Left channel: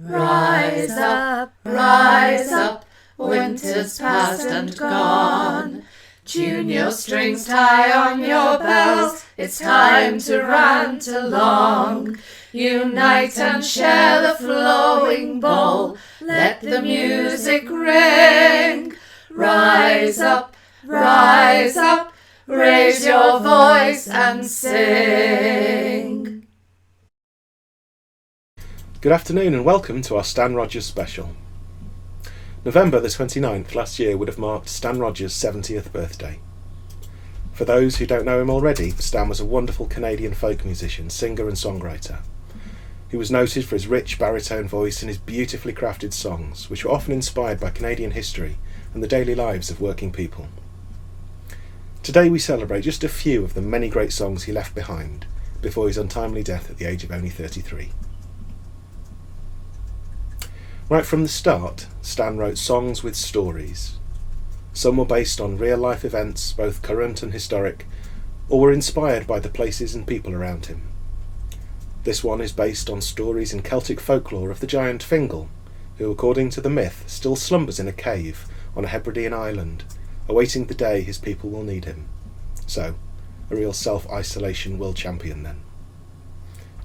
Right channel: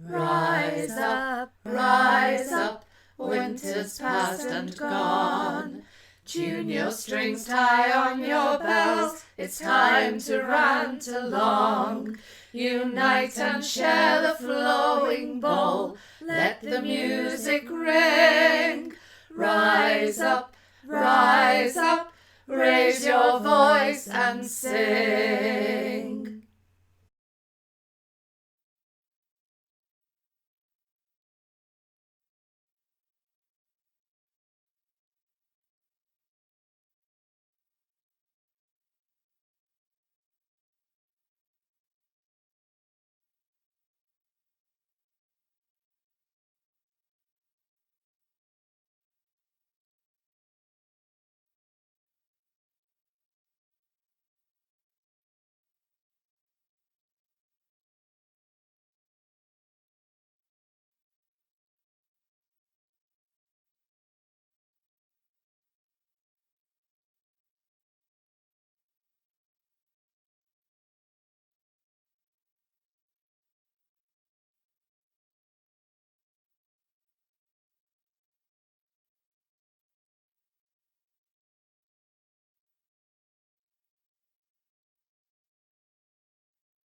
Rise up, winter's past and gone. Tune your strings, tie on your bells, it's time to rant along. Unite and share the flowing bowl, let the music ring. Rise up, raise your voice and sing. Good afternoon and welcome to our Stan Rogers special. November the 29th last year would have marked Stan Rogers' 70th birthday. For those who don't know him already, Stan was a wonderful Canadian folk musician, singer and songwriter. He was noted for his rich baritone voice and his beautifully crafted songs, which were often inspired by Canadian history and the daily lives of working people. Today we celebrate just a few of the many great songs he left behind before his untimely death at the age of only 33. Right from the start, Stan wrote songs with stories. Some were based on real-life events, both current and historic, or were inspired by the places and people around him. This one is based on stories in Celtic folklore of the giant Fingal, who, according to the myth, still slumbers in a cave on a Hebridean island, awaiting the day his people will need him. So, a real self-isolation world champion then.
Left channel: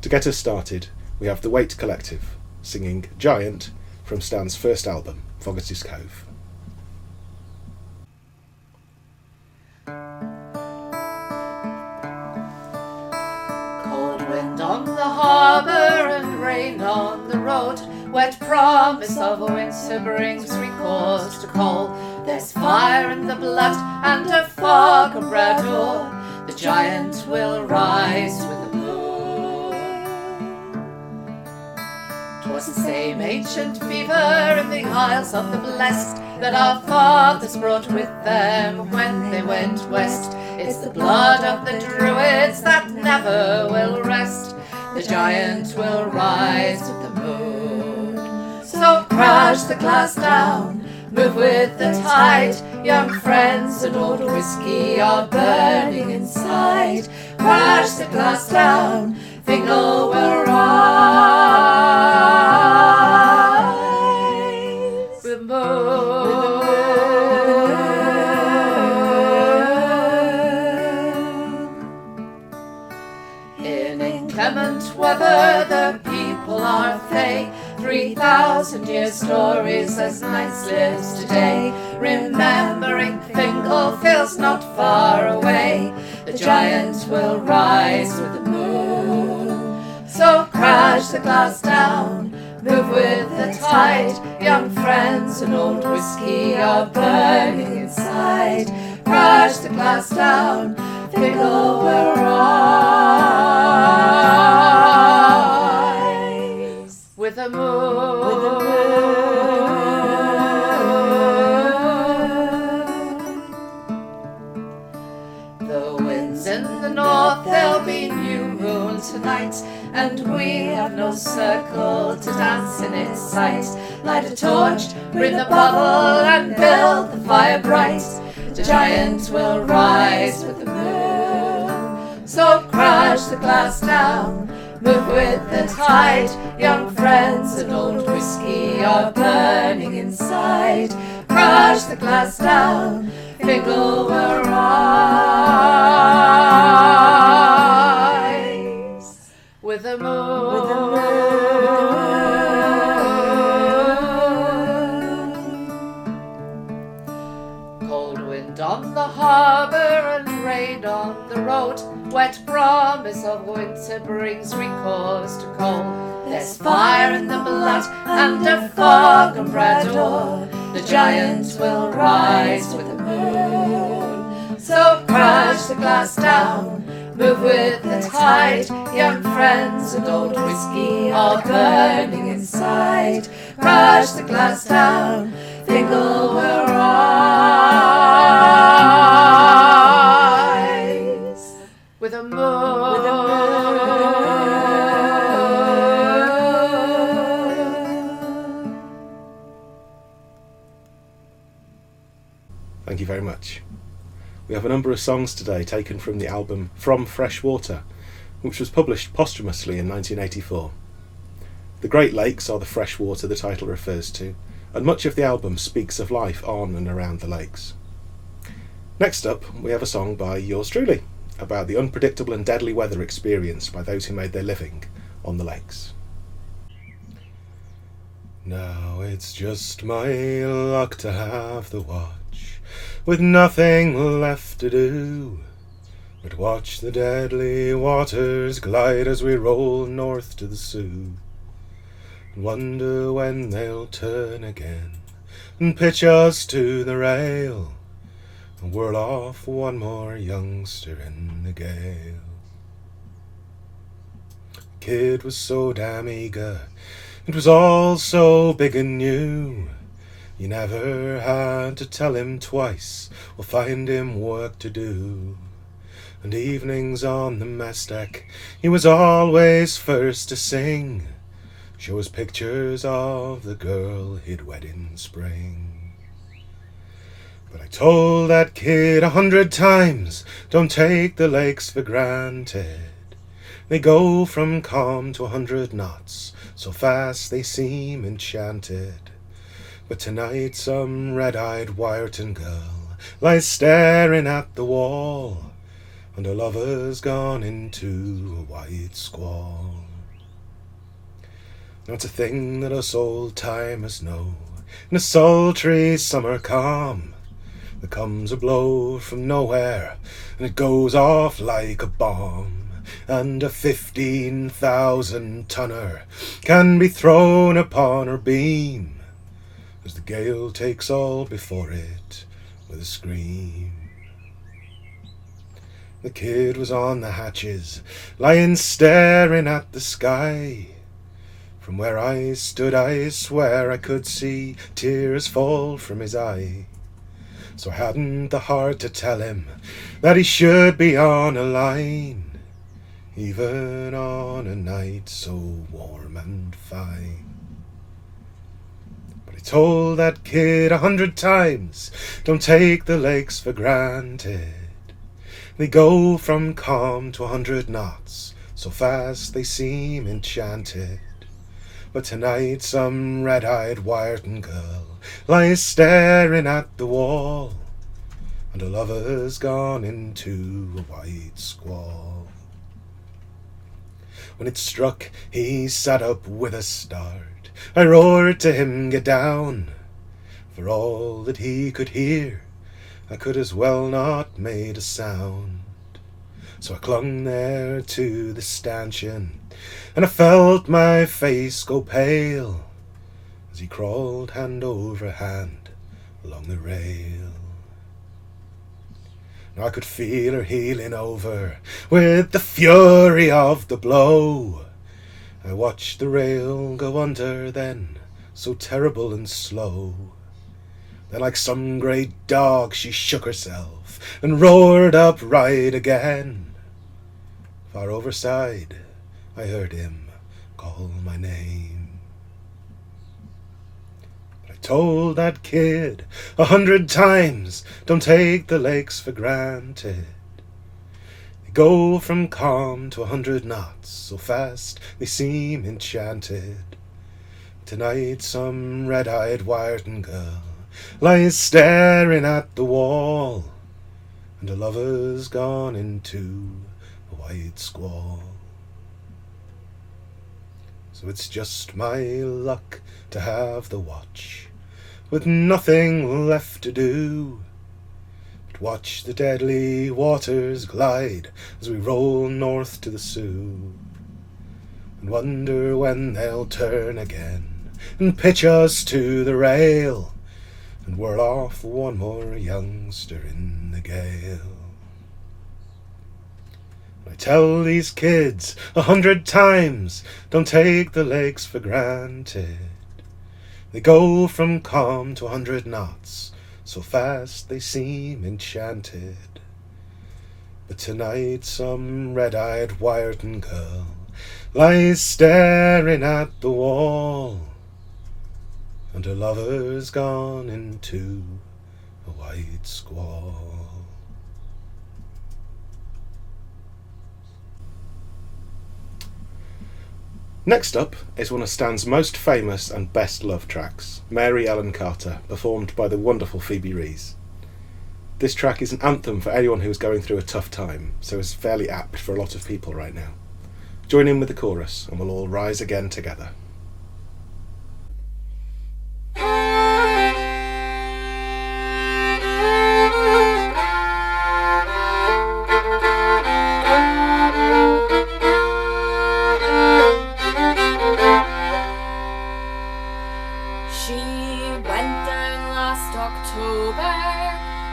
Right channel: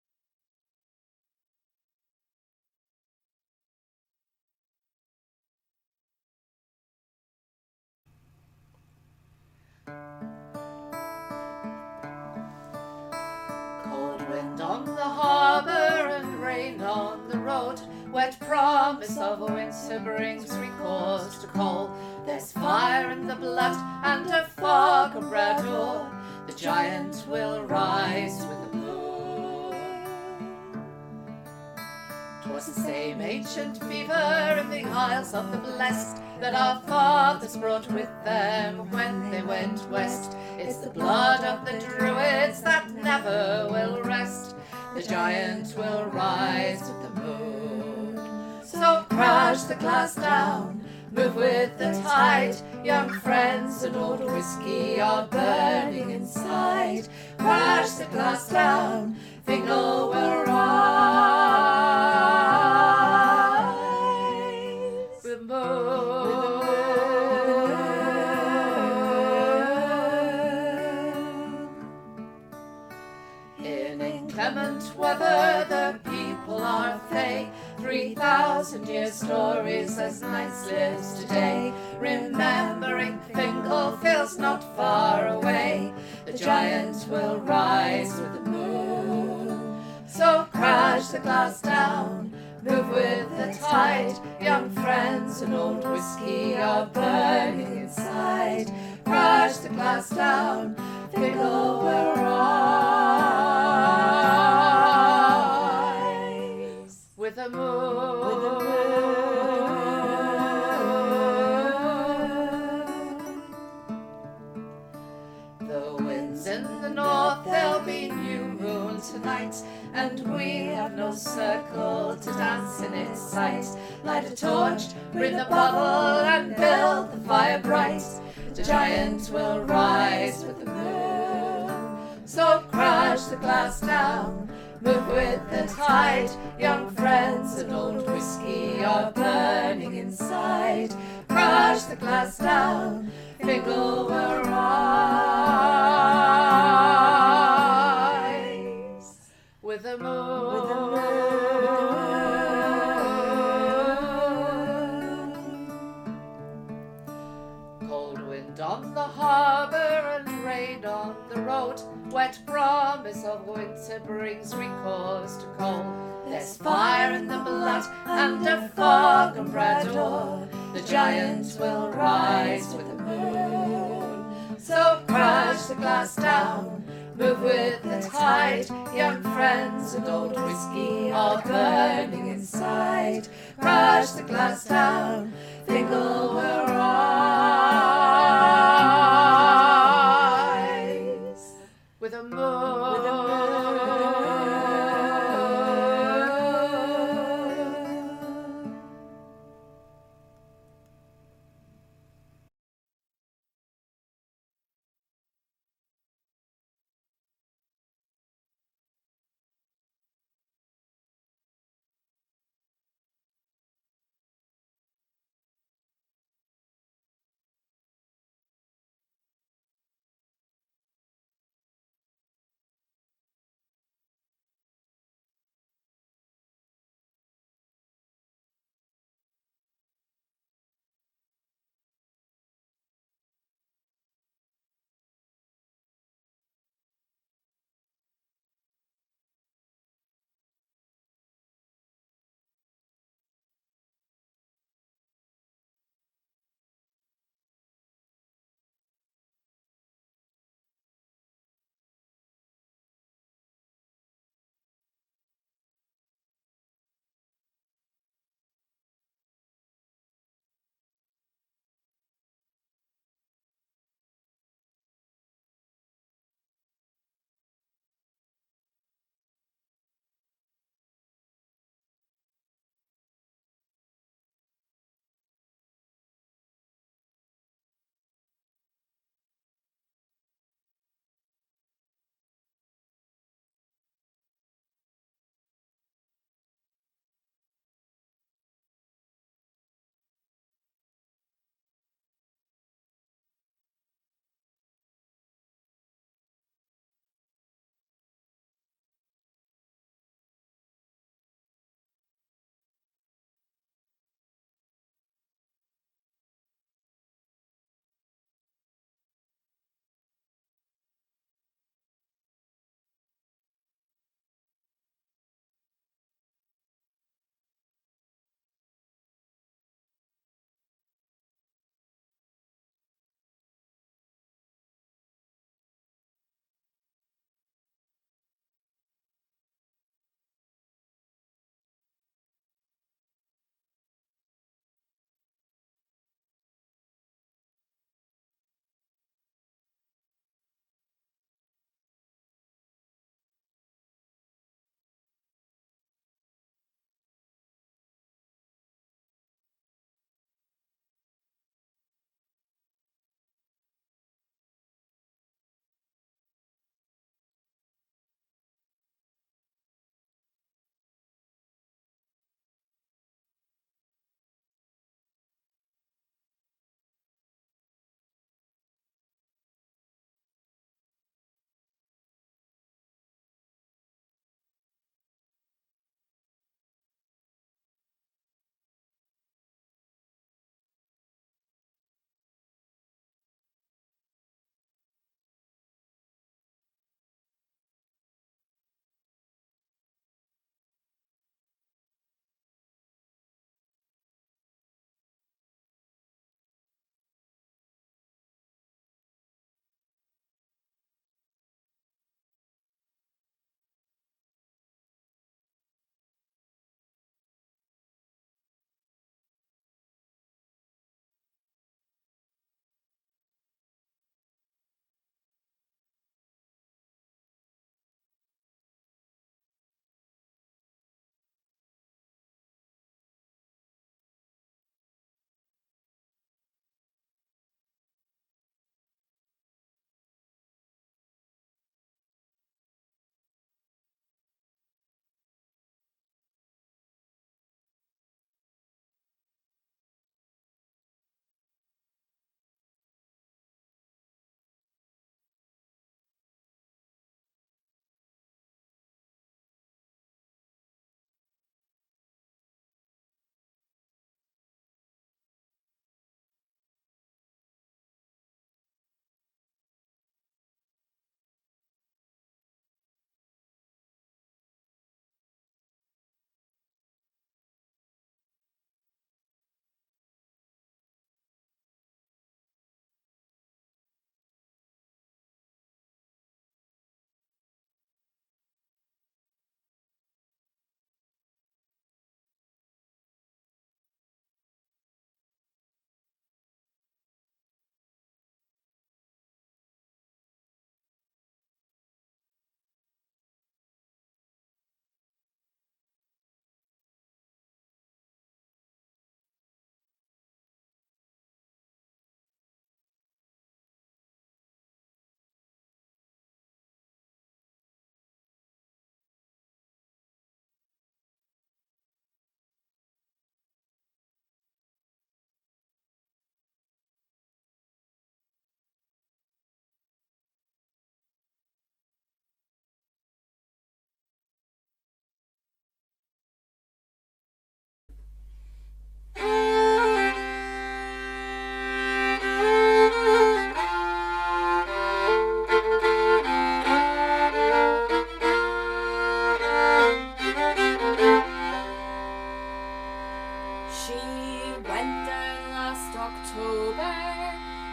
To get us started, we have the Waite Collective, singing Giant, from Stan's first album, Fogarty's Cove. Cold wind on the harbour and rain on the road, wet promise of a winter brings recourse to coal. There's fire in the blood and a fog of brador, the giant will rise with the moon. 'Twas the same ancient fever in the Isles of the Blest that our fathers brought with them when they went west. It's the blood of the Druids that never will rest. The giant will rise with the moon. So crash the glass down, move with the tide. Young friends and old whiskey are burning inside. Crash the glass down, Fingal will rise with the moon. In inclement weather the people are fey, 3,000 year stories as nights lives today. Remembering Fingal feels not far away, the giant will rise with the moon. So crash the glass down, move with the tide. Young friends and old whiskey are burning inside. Crash the glass down, Fingal will rise with the moon. The winds in the north, there'll be new moon tonight, and we have no circle to dance in its sight. Light a torch, bring the bottle, and build the fire bright. The giant will rise with the moon. So crash the glass down, move with the tide. Young friends and old whiskey are burning inside. Crash the glass down, Fingal will rise with the moon. Cold wind on the harbour and rain on the road, wet promise of winter brings recourse to coal. There's fire in the blood and a fog on brador, the giant will rise with the moon. So crash the glass down, move with the tide. Young friends and old whiskey are burning inside. Crash the glass down, Fingal will rise with a moon. Thank you very much. We have a number of songs today taken from the album From Fresh Water, which was published posthumously in 1984. The Great Lakes are the fresh water the title refers to, and much of the album speaks of life on and around the lakes. Next up, we have a song by yours truly, about the unpredictable and deadly weather experienced by those who made their living on the lakes. Now it's just my luck to have the watch, with nothing left to do but watch the deadly waters glide as we roll north to the Sioux, and wonder when they'll turn again and pitch us to the rail and whirl off one more youngster in the gale. The kid was so damn eager, it was all so big and new, you never had to tell him twice or find him work to do. And evenings on the mess deck, he was always first to sing, show us pictures of the girl he'd wed in spring. But I told that kid 100 times, don't take the lakes for granted. They go from calm to 100 knots, so fast they seem enchanted. But tonight some red-eyed Wyerton girl lies staring at the wall, and her lover's gone into a white squall. Now it's a thing that us old-timers know, in a sultry summer calm, there comes a blow from nowhere, and it goes off like a bomb, and a 15,000-tonner can be thrown upon her beam, as the gale takes all before it with a scream. The kid was on the hatches, lying staring at the sky. From where I stood I swear I could see tears fall from his eye. So I hadn't the heart to tell him that he should be on a line, even on a night so warm and fine. But I told that kid 100 times, don't take the lakes for granted. They go from calm to 100 knots, so fast they seem enchanted. But tonight some red-eyed Wyerton girl lies staring at the wall, and her lover's gone into a white squall. When it struck, he sat up with a start. I roared to him, get down. For all that he could hear, I could as well not made a sound. So I clung there to the stanchion, and I felt my face go pale as he crawled hand over hand along the rail. Now I could feel her heeling over with the fury of the blow. I watched the rail go under then, so terrible and slow. Then like some great dog she shook herself and roared upright again. Far overside I heard him call my name. But I told that kid 100 times, don't take the lakes for granted. They go from calm to 100 knots, so fast they seem enchanted. Tonight some red-eyed Wyerton girl lies staring at the wall, and her lover's gone into a white squall. So it's just my luck to have the watch, with nothing left to do but watch the deadly waters glide as we roll north to the Sioux, and wonder when they'll turn again and pitch us to the rail and whirl off one more youngster in the gale. I tell these kids 100 times, don't take the lakes for granted. They go from calm to 100 knots, so fast they seem enchanted. But tonight some red-eyed Wyerton girl lies staring at the wall, and her lover's gone into a white squall. Next up is one of Stan's most famous and best love tracks, Mary Ellen Carter, performed by the wonderful Phoebe Rees. This track is an anthem for anyone who is going through a tough time, so is fairly apt for a lot of people right now. Join in with the chorus and we'll all rise again together.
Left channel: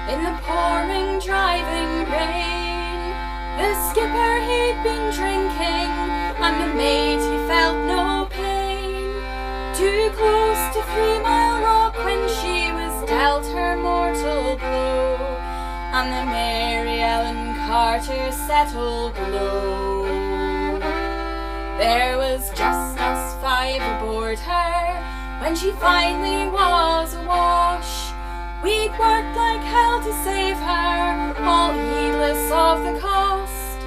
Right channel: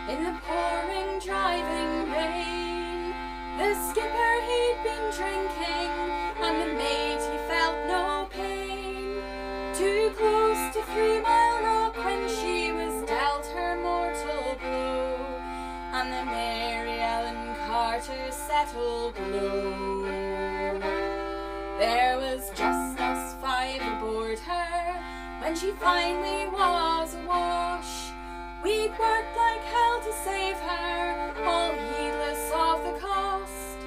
In the pouring, driving rain, the skipper he'd been drinking, and the mate he felt no pain. Too close to 3 Mile Rock when she was dealt her mortal blow, and the Mary Ellen Carter settled low. There was just us 5 aboard her when she finally was awash. We'd worked like hell to save her, all heedless of the cost.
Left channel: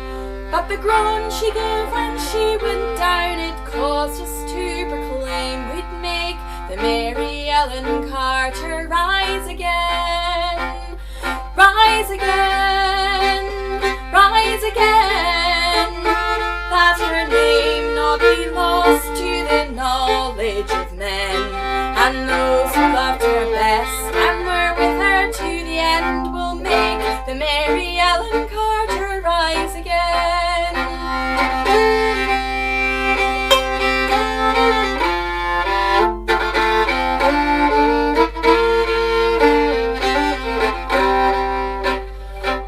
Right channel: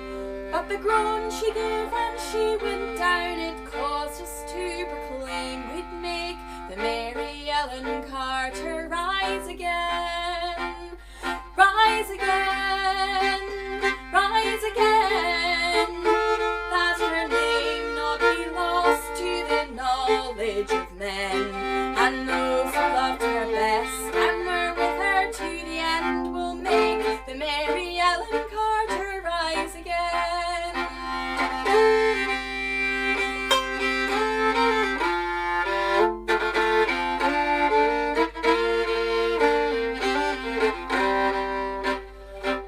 But the groan she gave when she went down, it caused us to proclaim we'd make the Mary Ellen Carter rise again. Rise again, rise again, that her name not be lost to the knowledge of men. And those who loved her best and were with her to the end will make the Mary Ellen Carter rise again.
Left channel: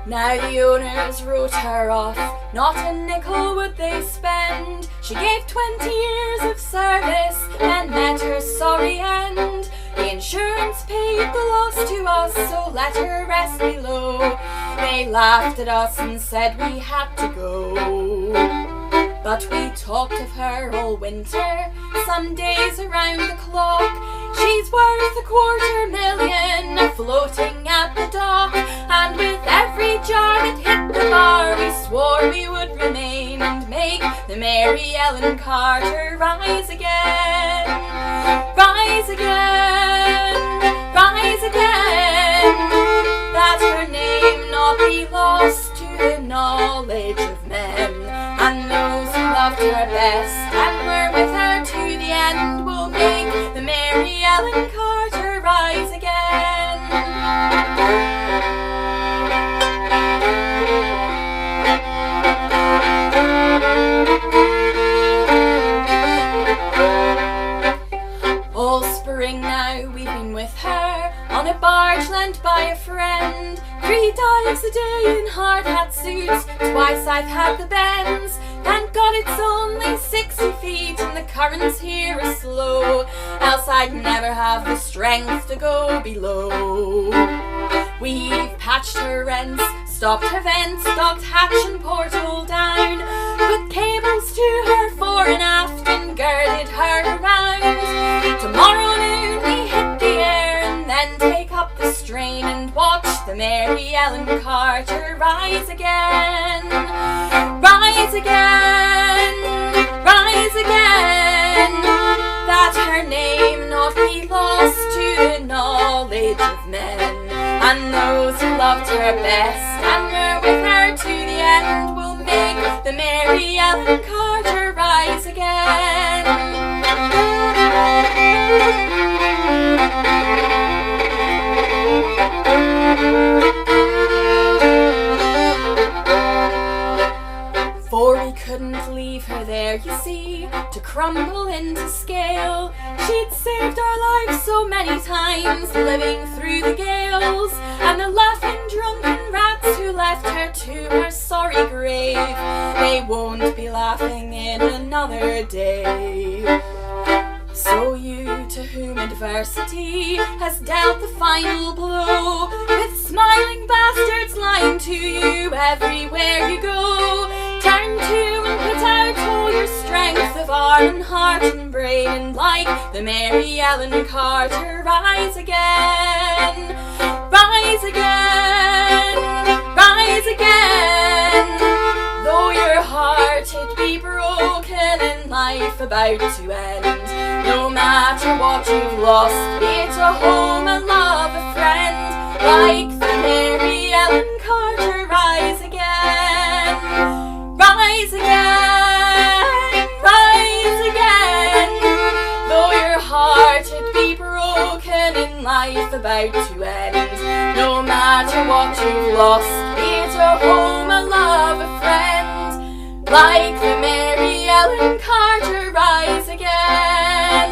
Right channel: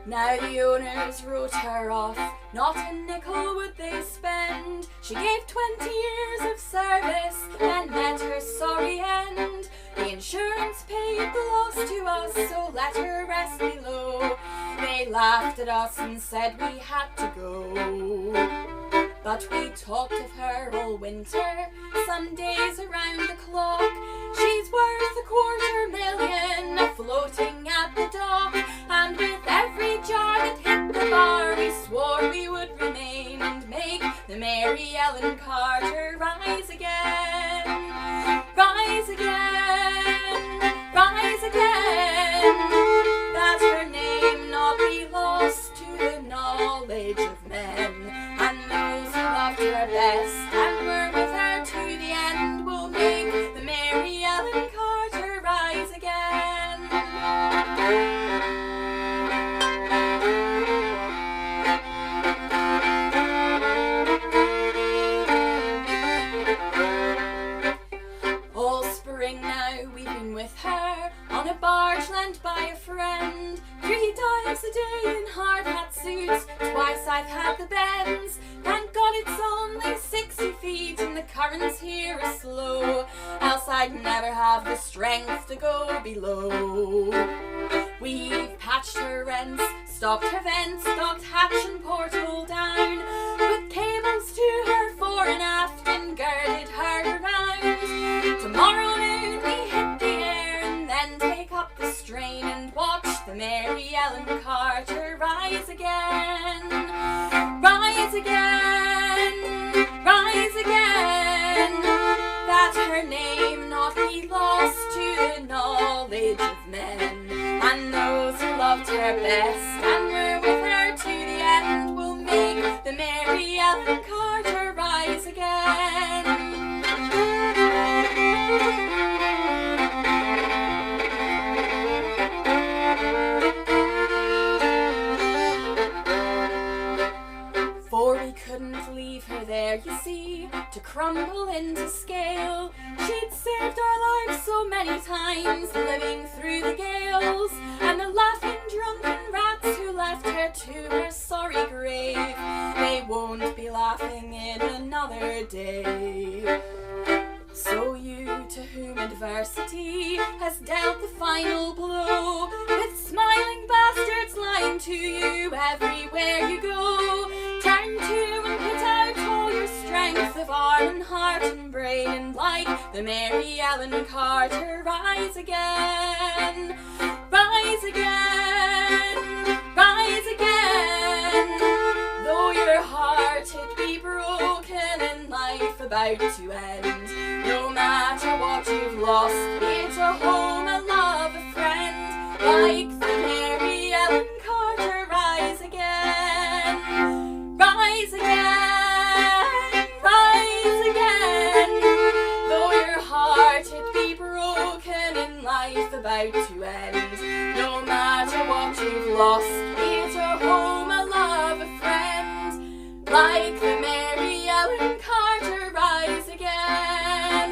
Now the owners wrote her off, not a nickel would they spend. She gave 20 years of service and met her sorry end. The insurance paid the loss to us, so let her rest below. They laughed at us and said we had to go. But we talked of her all winter, some days around the clock. She's worth $250,000 floating at the dock. And with every jar that hit the bar, we swore we would remain and make the Mary Ellen Carter rise again. Rise again, rise again, that her name not be lost to the knowledge of men. And those who loved her best and were with her to the end will make the Mary Ellen Carter rise again. All spring now we've been with her on a barge lent by a friend. 3 dives a day in hard hat suits, twice I've had the bends. Thank God it's only 60 feet and the currents here are slow, else I'd never have the strength to go below. We've patched her rents, stopped her vents, docked hatch and porthole down, put cables to her fore and aft and girded her around. Tomorrow noon we hit the air and then take up the strain and watch the Mary Ellen Carter rise again. Rise again, rise again, that her name not be lost to the knowledge of men. And those who loved her best and were with her to the end will make the Mary Ellen Carter rise again. For we couldn't leave her there, you see, to crumble into scale. She'd saved our lives so many times, living through the gales, and the laughing drunken rats who left her to her sorry grave, they won't be laughing in another day. So you, to whom adversity has dealt the final blow, with smiling bastards lying to you everywhere you go, turn to and put out all your strength of arm and heart and brain, and like the Mary Ellen Carter rise again. Rise again, rise again, though your heart it be broken in life about to end. No matter what you've lost, be it a home, a love, a friend, like the Mary Ellen Carter, rise again. Rise again, rise again. Though your heart it be broken in life about to end. No matter what you've lost, be it a home, a love, a friend, like the Mary Ellen Carter, rise again.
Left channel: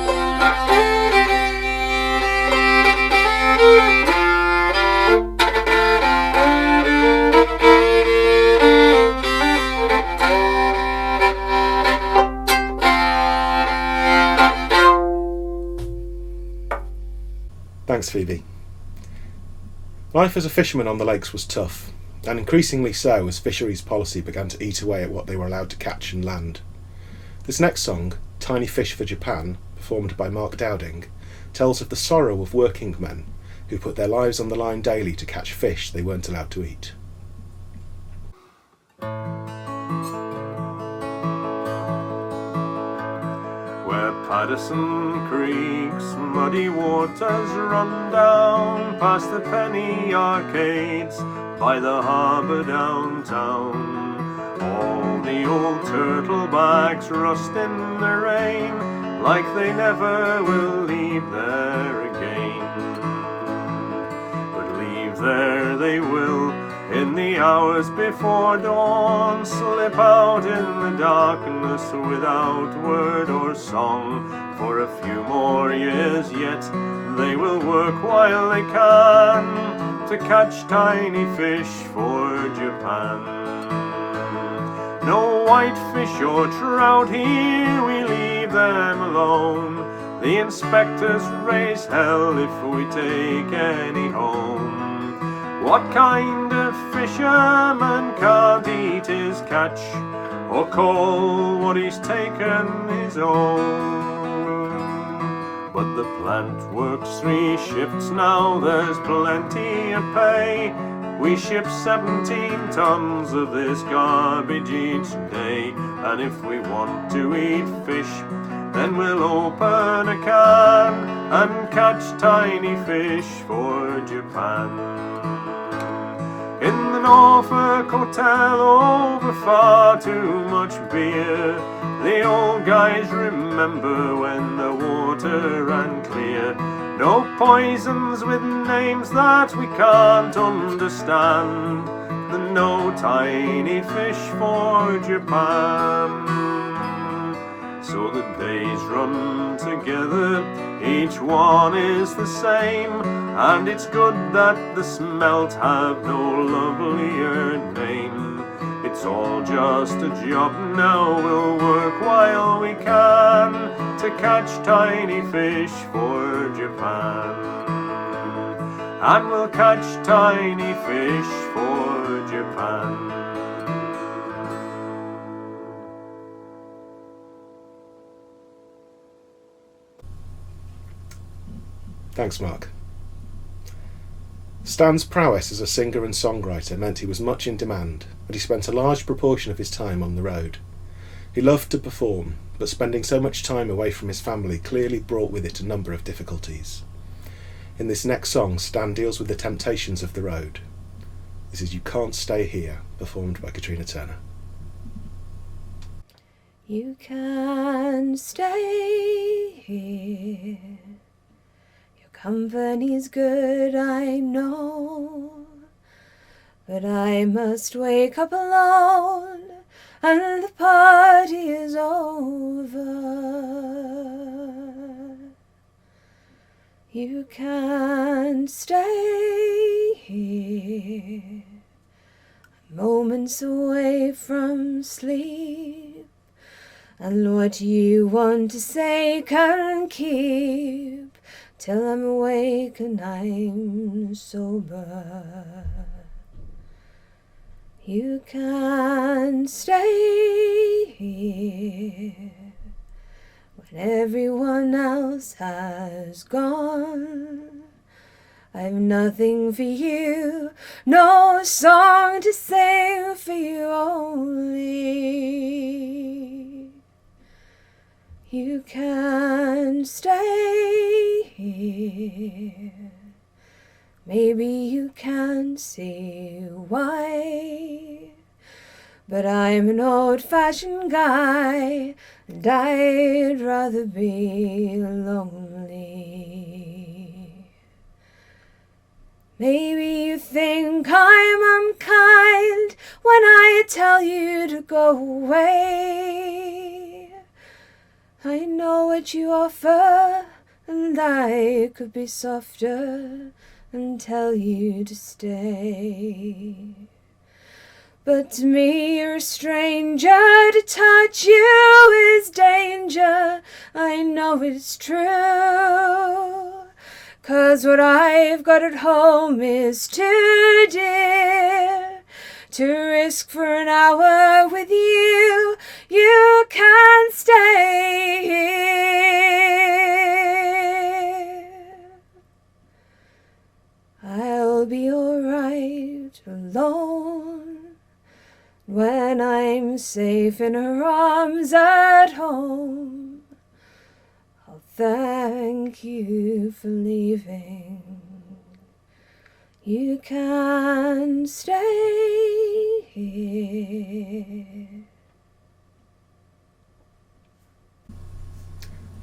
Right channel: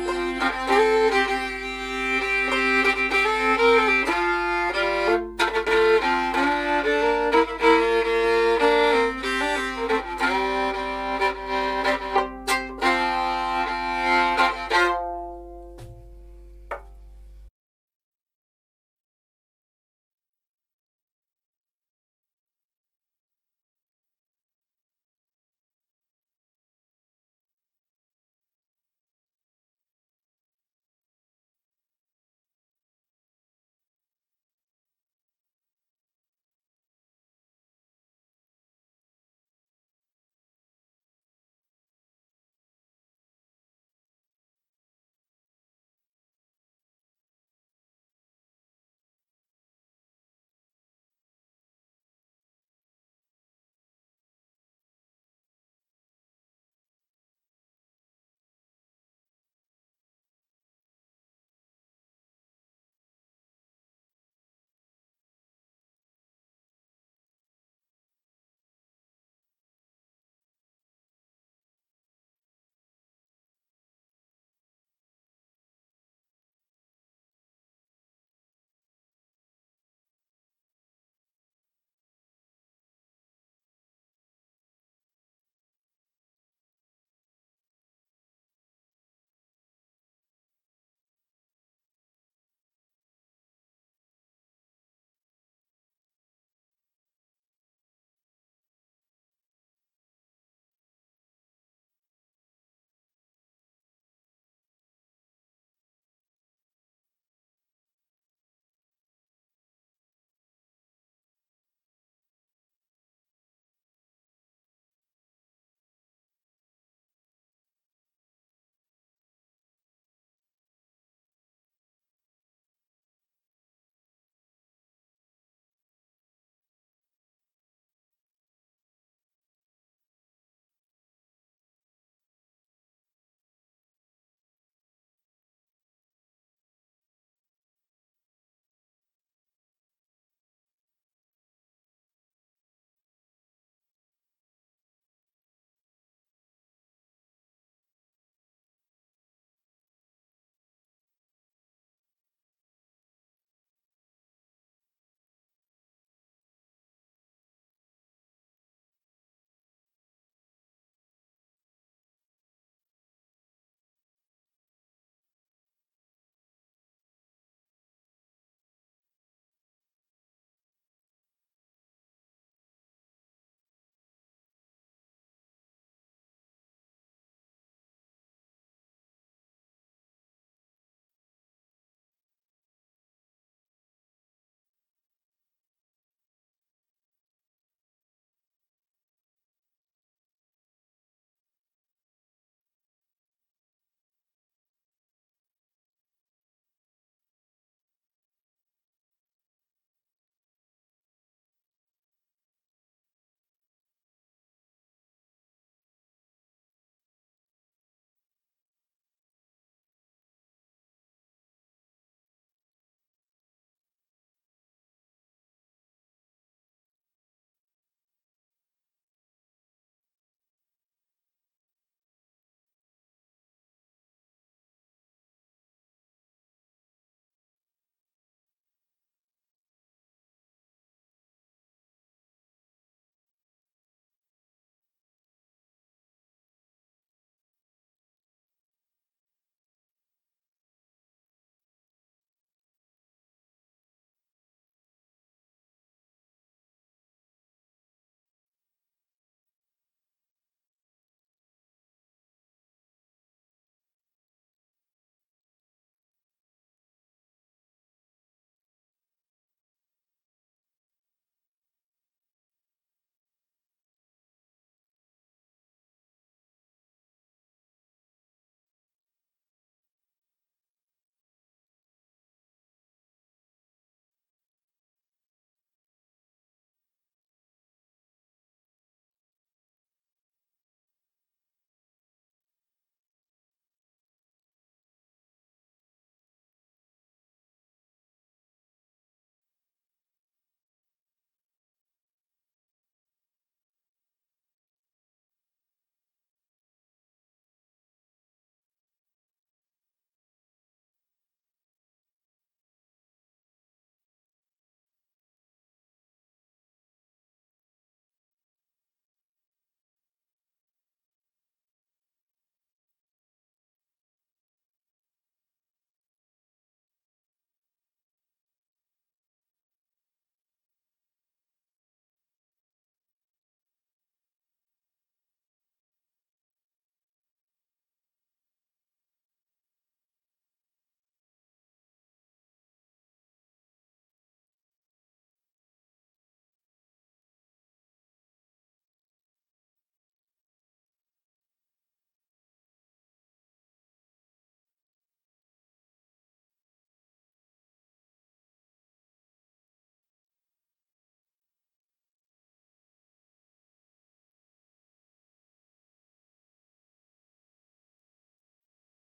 Thanks, Phoebe. Life as a fisherman on the lakes was tough, and increasingly so as fisheries policy began to eat away at what they were allowed to catch and land. This next song, Tiny Fish for Japan, performed by Mark Dowding, tells of the sorrow of working men who put their lives on the line daily to catch fish they weren't allowed to eat. Where Paterson Creek's muddy waters run down past the penny arcades by the harbour downtown, all the old turtlebacks rust in the rain like they never will leave there again. But leave there they will in the hours before dawn, slip out in the darkness without word or song. For a few more years yet they will work while they can to catch tiny fish for Japan. No whitefish or trout here, we leave them alone. The inspectors raise hell if we take any home. What kind of fisherman can't eat his catch, or call what he's taken his own? But the plant works 3 shifts now, there's plenty of pay. We ship 17 tons of this garbage each day, and if we want to eat fish, then we'll open a can and catch tiny fish for Japan. In the Norfolk Hotel over far too much beer, the old guys remember when the water ran clear. No poisons with names that we can't understand, and no tiny fish for Japan. So the days run together, each one is the same, and it's good that the smelt have no lovelier name. It's all just a job now, we'll work while we can to catch tiny fish for Japan. And we'll catch tiny fish for Japan. Thanks, Mark. Stan's prowess as a singer and songwriter meant he was much in demand, and he spent a large proportion of his time on the road. He loved to perform, but spending so much time away from his family clearly brought with it a number of difficulties. In this next song, Stan deals with the temptations of the road. This is You Can't Stay Here, performed by Katrina Turner. You can't stay here. Company's good, I know, but I must wake up alone and the party is over. You can't stay here, moments away from sleep, and what you want to say can keep till I'm awake and I'm sober. You can't stay here when everyone else has gone. I've nothing for you, no song to sing for you only. You can stay here. Maybe you can see why, but I'm an old-fashioned guy, and I'd rather be lonely. Maybe you think I'm unkind when I tell you to go away. I know what you offer, and I could be softer and tell you to stay. But to me you're a stranger, to touch you is danger. I know it's true, 'cause what I've got at home is too dear to risk for an hour with you. You can stay here. I'll be alright alone when I'm safe in her arms at home. I'll thank you for leaving. You can stay here.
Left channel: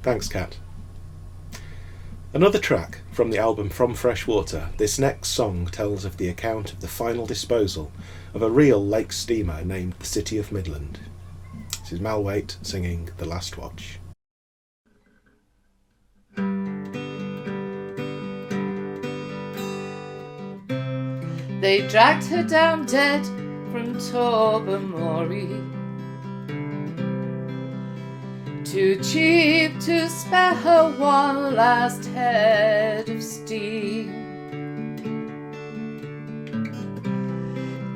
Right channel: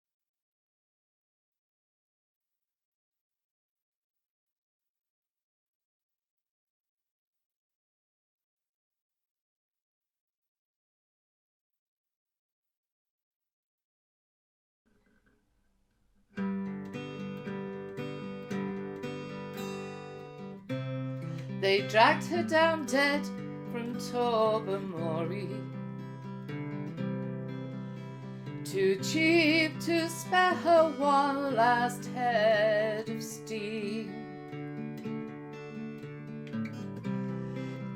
Thanks, Kat. Another track from the album From Fresh Water, this next song tells of the account of the final disposal of a real lake steamer named the City of Midland. This is Waite singing The Last Watch. They dragged her down dead from Tobermory, too cheap to spare her one last head of steam.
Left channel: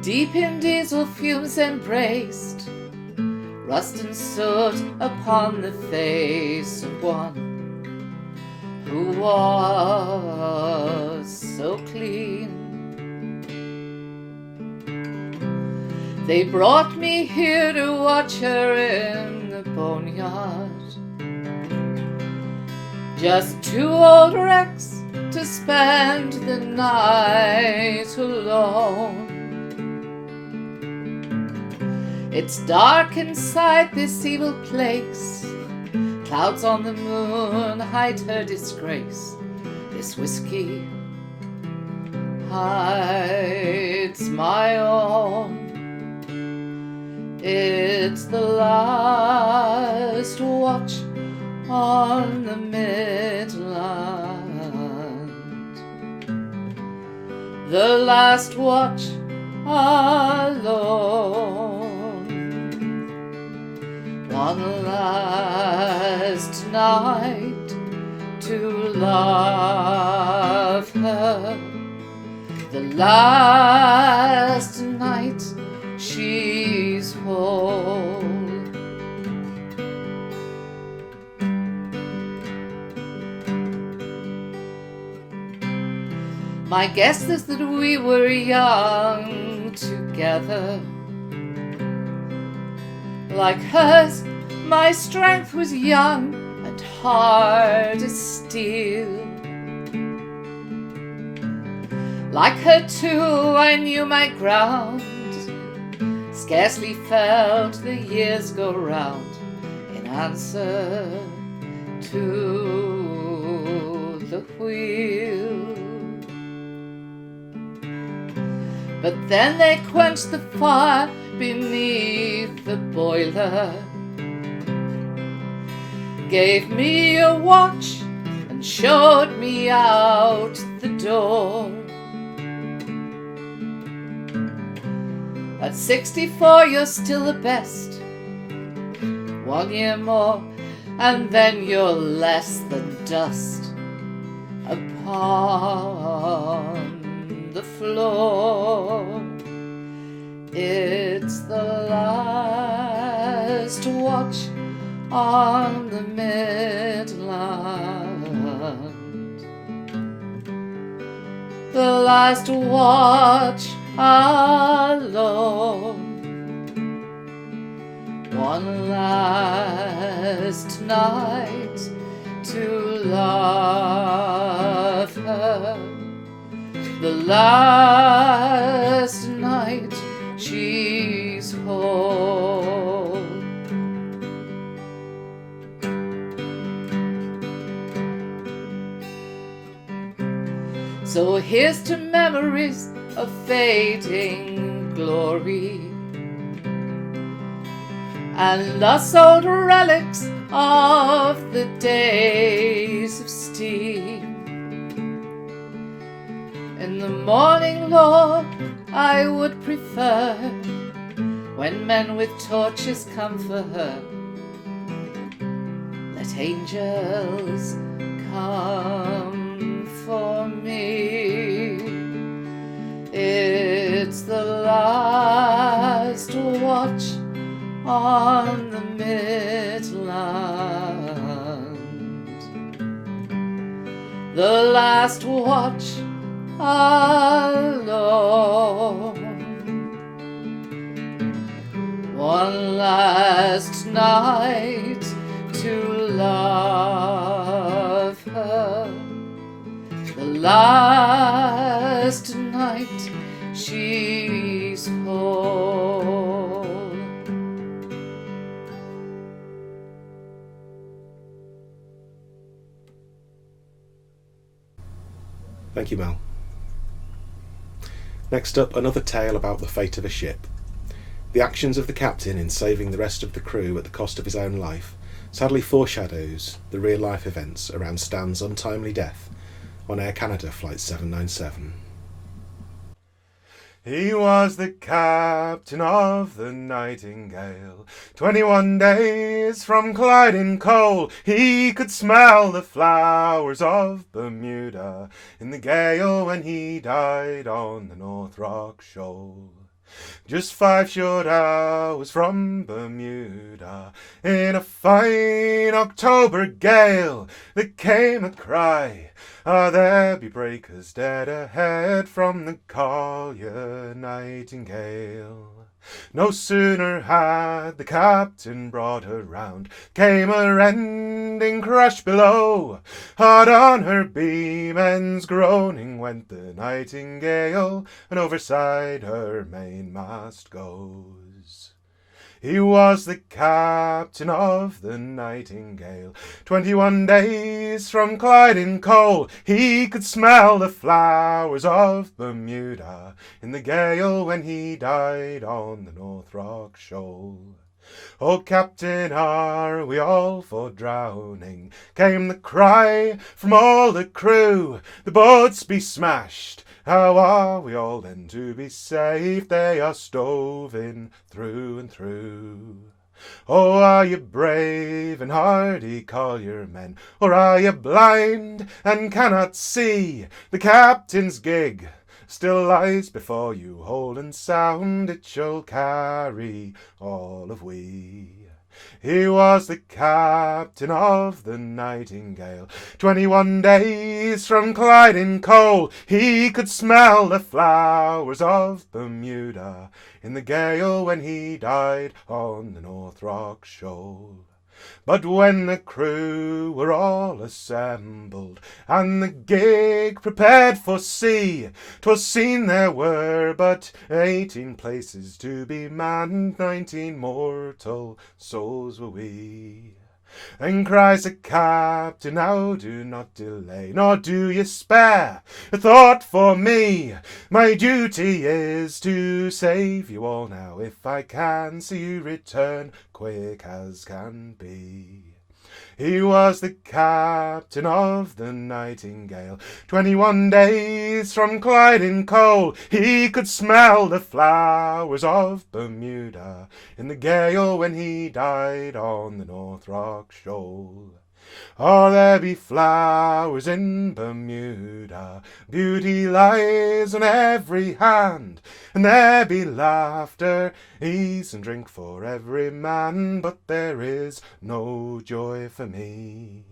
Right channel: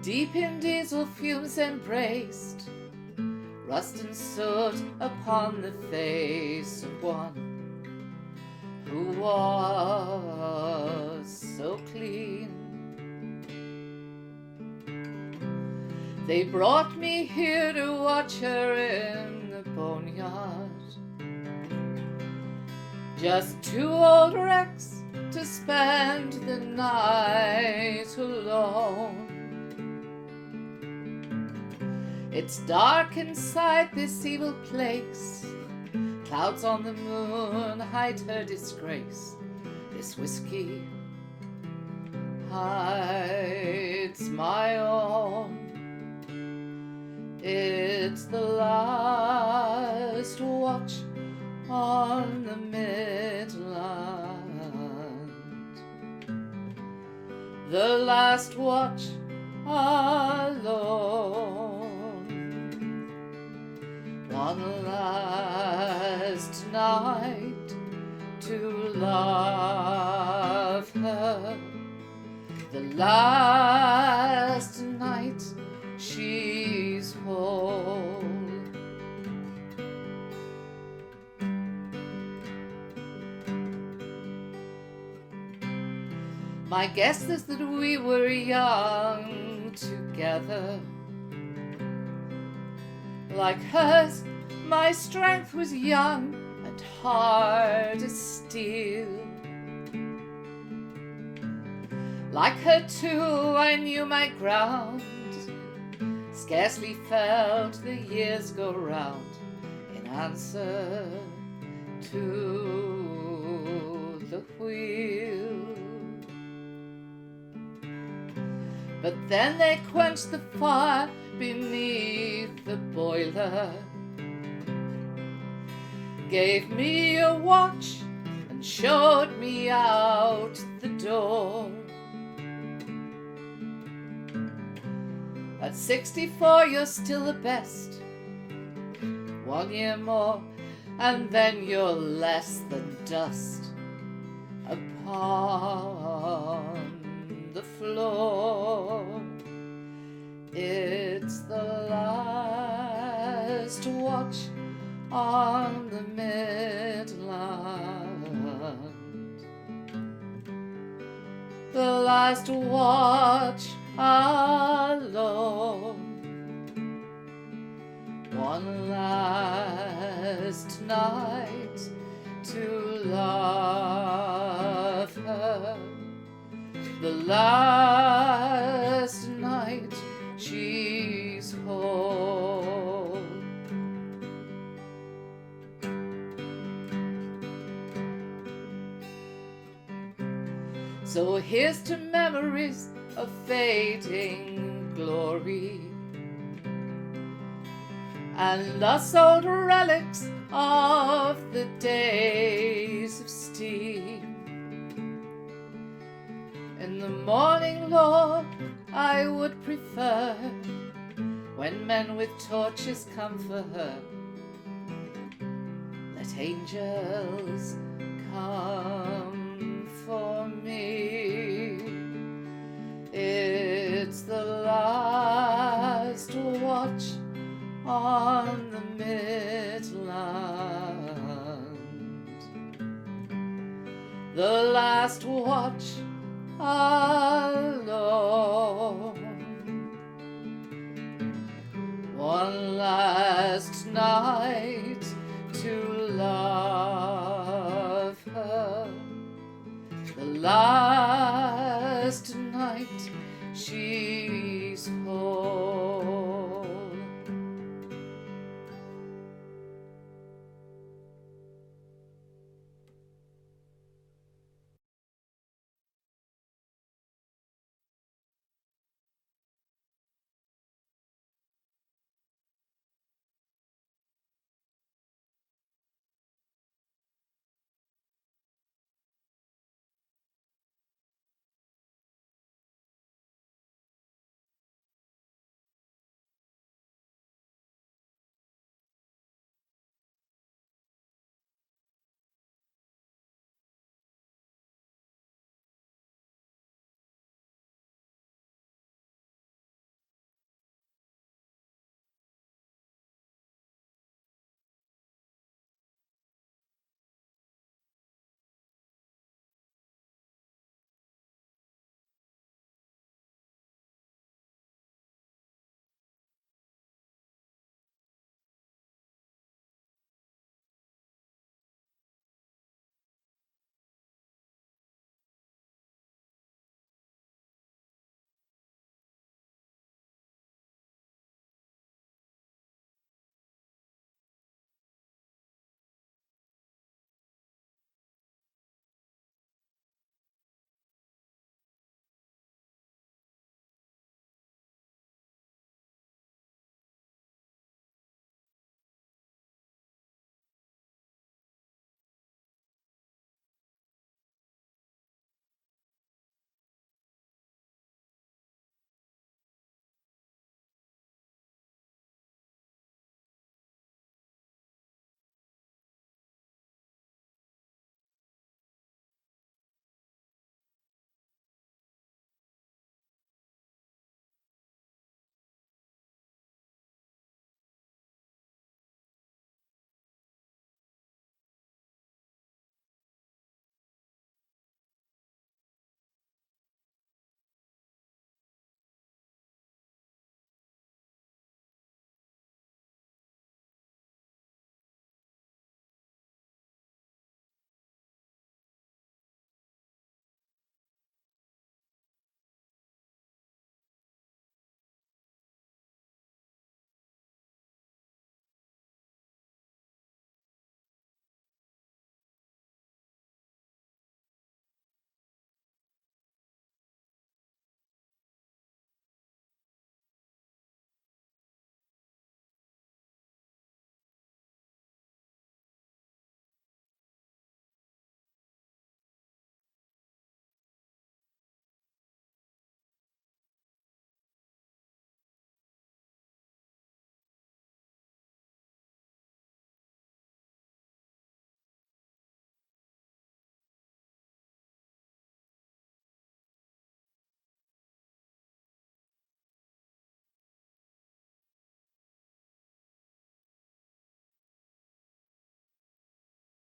Deep in diesel fumes embraced, rust and soot upon the face of one who was so clean. They brought me here to watch her in the boneyard, just two old wrecks to spend the night alone. It's dark inside this evil place, clouds on the moon hide her disgrace. This whiskey hides my own. It's the last watch on the Midland, the last watch alone. One last night to love her, the last night she's whole. My guess is that we were young together. Like hers, my strength was young and hard as steel. Like her too, I knew my ground, scarcely felt the years go round in answer to the wheel. But then they quenched the fire beneath the boiler, gave me a watch and showed me out the door. At 64 you're still the best. 1 year more and then you're less than dust upon the floor. It's the last watch on the Midland, the last watch alone. One last night to love her. The last night she's whole. So here's to memories of fading glory, and lost old relics of the days of steam. In the morning, Lord, I would prefer when men with torches come for her. Let angels come for me. It's the last watch on the Midland, the last watch alone. One last night to love her, the last night she's whole. Thank you, Mel. Next up, another tale about the fate of a ship. The actions of the captain in saving the rest of the crew at the cost of his own life sadly foreshadows the real-life events around Stan's untimely death on Air Canada Flight 797. He was the captain of the Nightingale. 21 days from Clyde in coal, he could smell the flowers of Bermuda in the gale when he died on the North Rock Shoal. Just 5 short hours from Bermuda, in a fine October gale, there came a cry, "Ah, there be breakers dead ahead from the collier Nightingale." No sooner had the captain brought her round, came a rending crash below. Hard on her beam ends groaning went the Nightingale, and overside her mainmast goes. He was the captain of the Nightingale. 21 days from Clyde in coal, he could smell the flowers of Bermuda in the gale when he died on the North Rock Shoal. "Oh, Captain, are we all for drowning?" came the cry from all the crew. "The boats be smashed, how are we all then to be safe? They are stove in through and through." "Oh, are you brave and hardy collier men, or are you blind and cannot see? The captain's gig still lies before you, hold and sound, it shall carry all of we." He was the captain of the Nightingale. 21 days from Clyde in coal, he could smell the flowers of Bermuda in the gale when he died on the North Rock Shoal. But when the crew were all assembled, and the gig prepared for sea, 'twas seen there were but 18 places to be manned, 19 mortal souls were we. Then cries the captain, "Now do not delay, nor do ye spare a thought for me. My duty is to save you all now, if I can see you return quick as can be." He was the captain of the Nightingale. 21 days from Clyde in coal, he could smell the flowers of Bermuda in the gale when he died on the North Rock Shoal. "Oh, there be flowers in Bermuda, beauty lies on every hand, and there be laughter, ease and drink for every man, but there is no joy for me.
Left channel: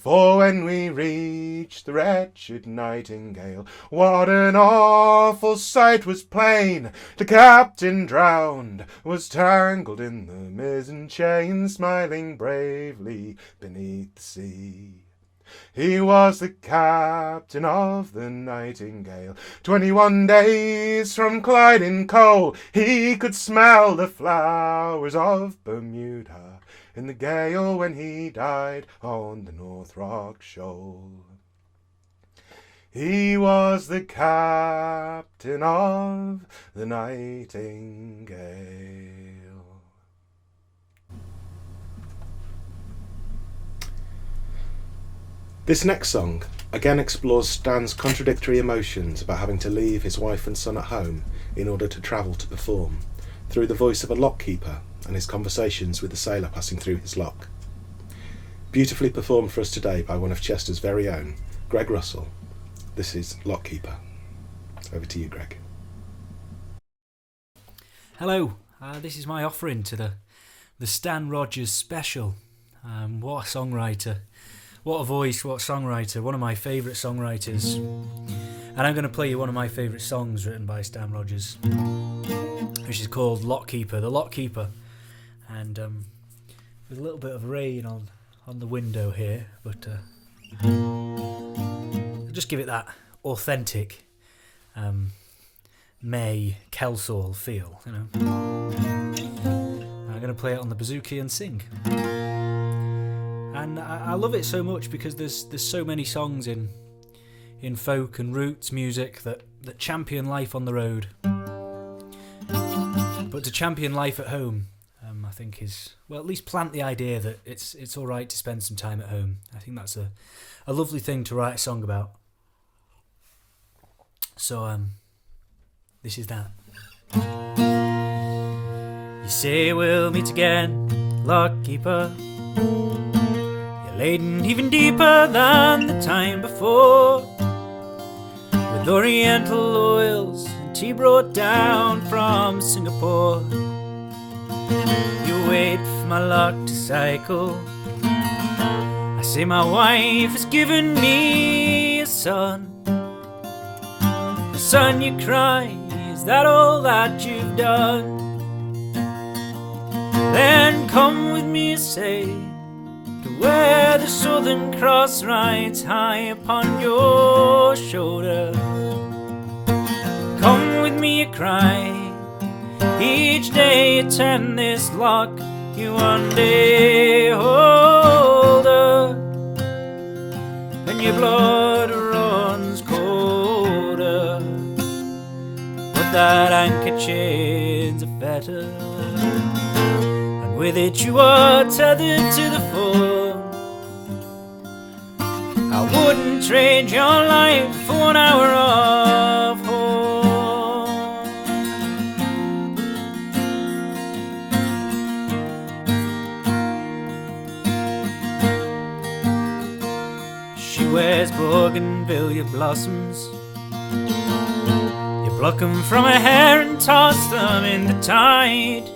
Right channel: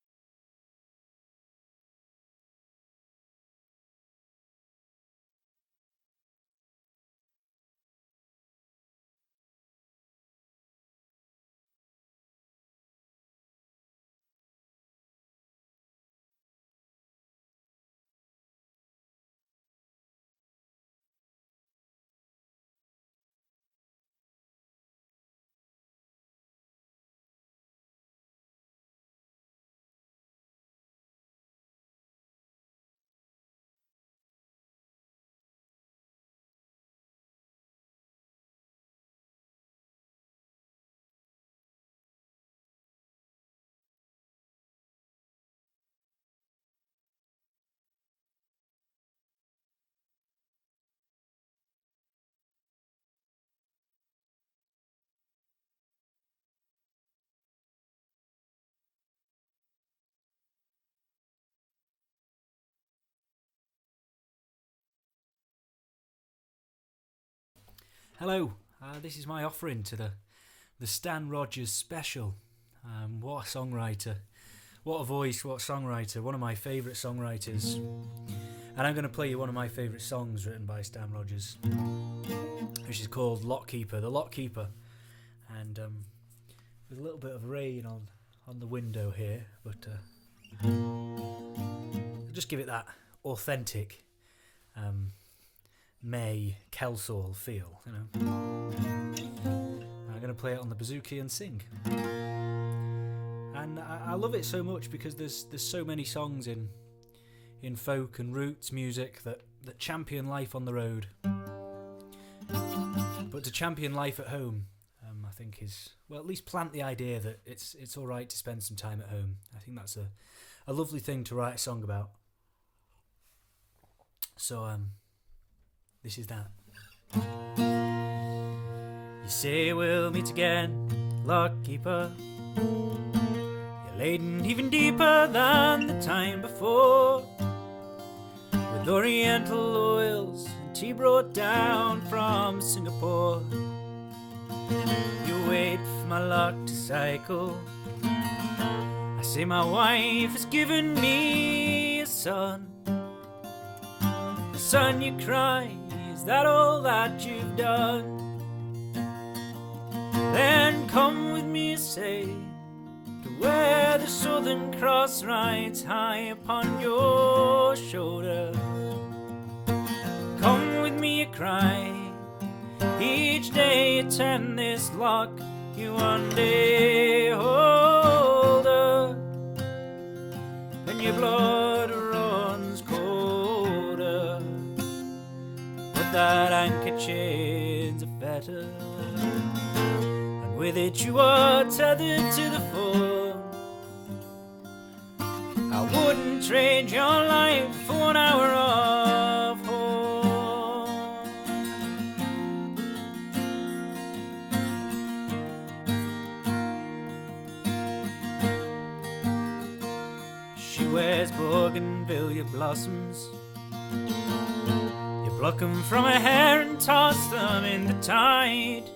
For when we reached the wretched nightingale, what an awful sight was plain! The captain drowned, was tangled in the mizzen chain, smiling bravely beneath the sea. He was the captain of the Nightingale. 21 days from Clyde in coal, he could smell the flowers of Bermuda in the gale when he died on the North Rock Shoal. He was the captain of the Nightingale. This next song again explores Stan's contradictory emotions about having to leave his wife and son at home in order to travel to perform, through the voice of a lockkeeper and his conversations with the sailor passing through his lock. Beautifully performed for us today by one of Chester's very own, Greg Russell. This is Lockkeeper. Over to you, Greg. Hello, this is my offering to the Stan Rogers special. What a songwriter. What a voice, what a songwriter. One of my favourite songwriters. And I'm going to play you one of my favourite songs written by Stan Rogers, which is called Lockkeeper, The Lockkeeper. And there's a little bit of rain on the window here, but I'll just give it that authentic May Kelsall feel, you know. I'm going to play it on the bouzouki and sing. And I love it so much because there's so many songs in folk and roots music that champion life on the road. But to champion life at home, I think is, well, at least plant the idea that it's all right to spend some time at home. I think that's a lovely thing to write a song about. So this is that. You say we'll meet again, lockkeeper. You're laden even deeper than the time before, with oriental oils and tea brought down from Singapore. You wait for my luck to cycle. I say my wife has given me a son. The son, you cry, is that all that you've done? Then come with me, say, to where the Southern Cross rides high upon your shoulder. Come with me, you cry, each day you turn this lock, you one day older, and your blood runs colder. But that anchor chain's a fetter, and with it you are tethered to the phone. I wouldn't trade your life for 1 hour of home. She wears bougainvillea blossoms. You pluck them from her hair and toss them in the tide.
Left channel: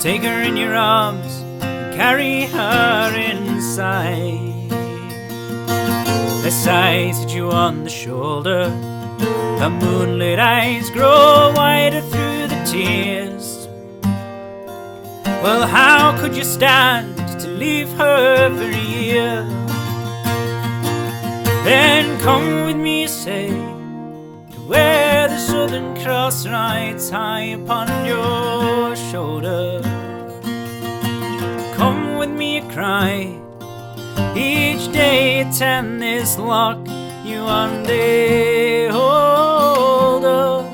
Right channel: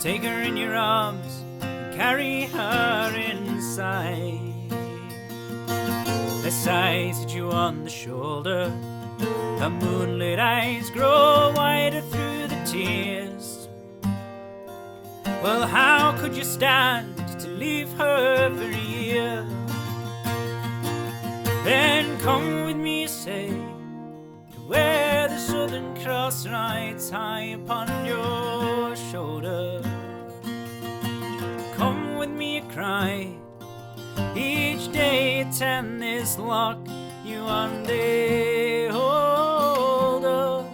Take her in your arms and carry her inside. Less eyes hit you on the shoulder. Her moonlit eyes grow wider through the tears. Well, how could you stand to leave her for a year? Then come with me, say, to where the Southern Cross rides high upon your shoulder. Come with me, you cry, each day you turn this lock, you one day older,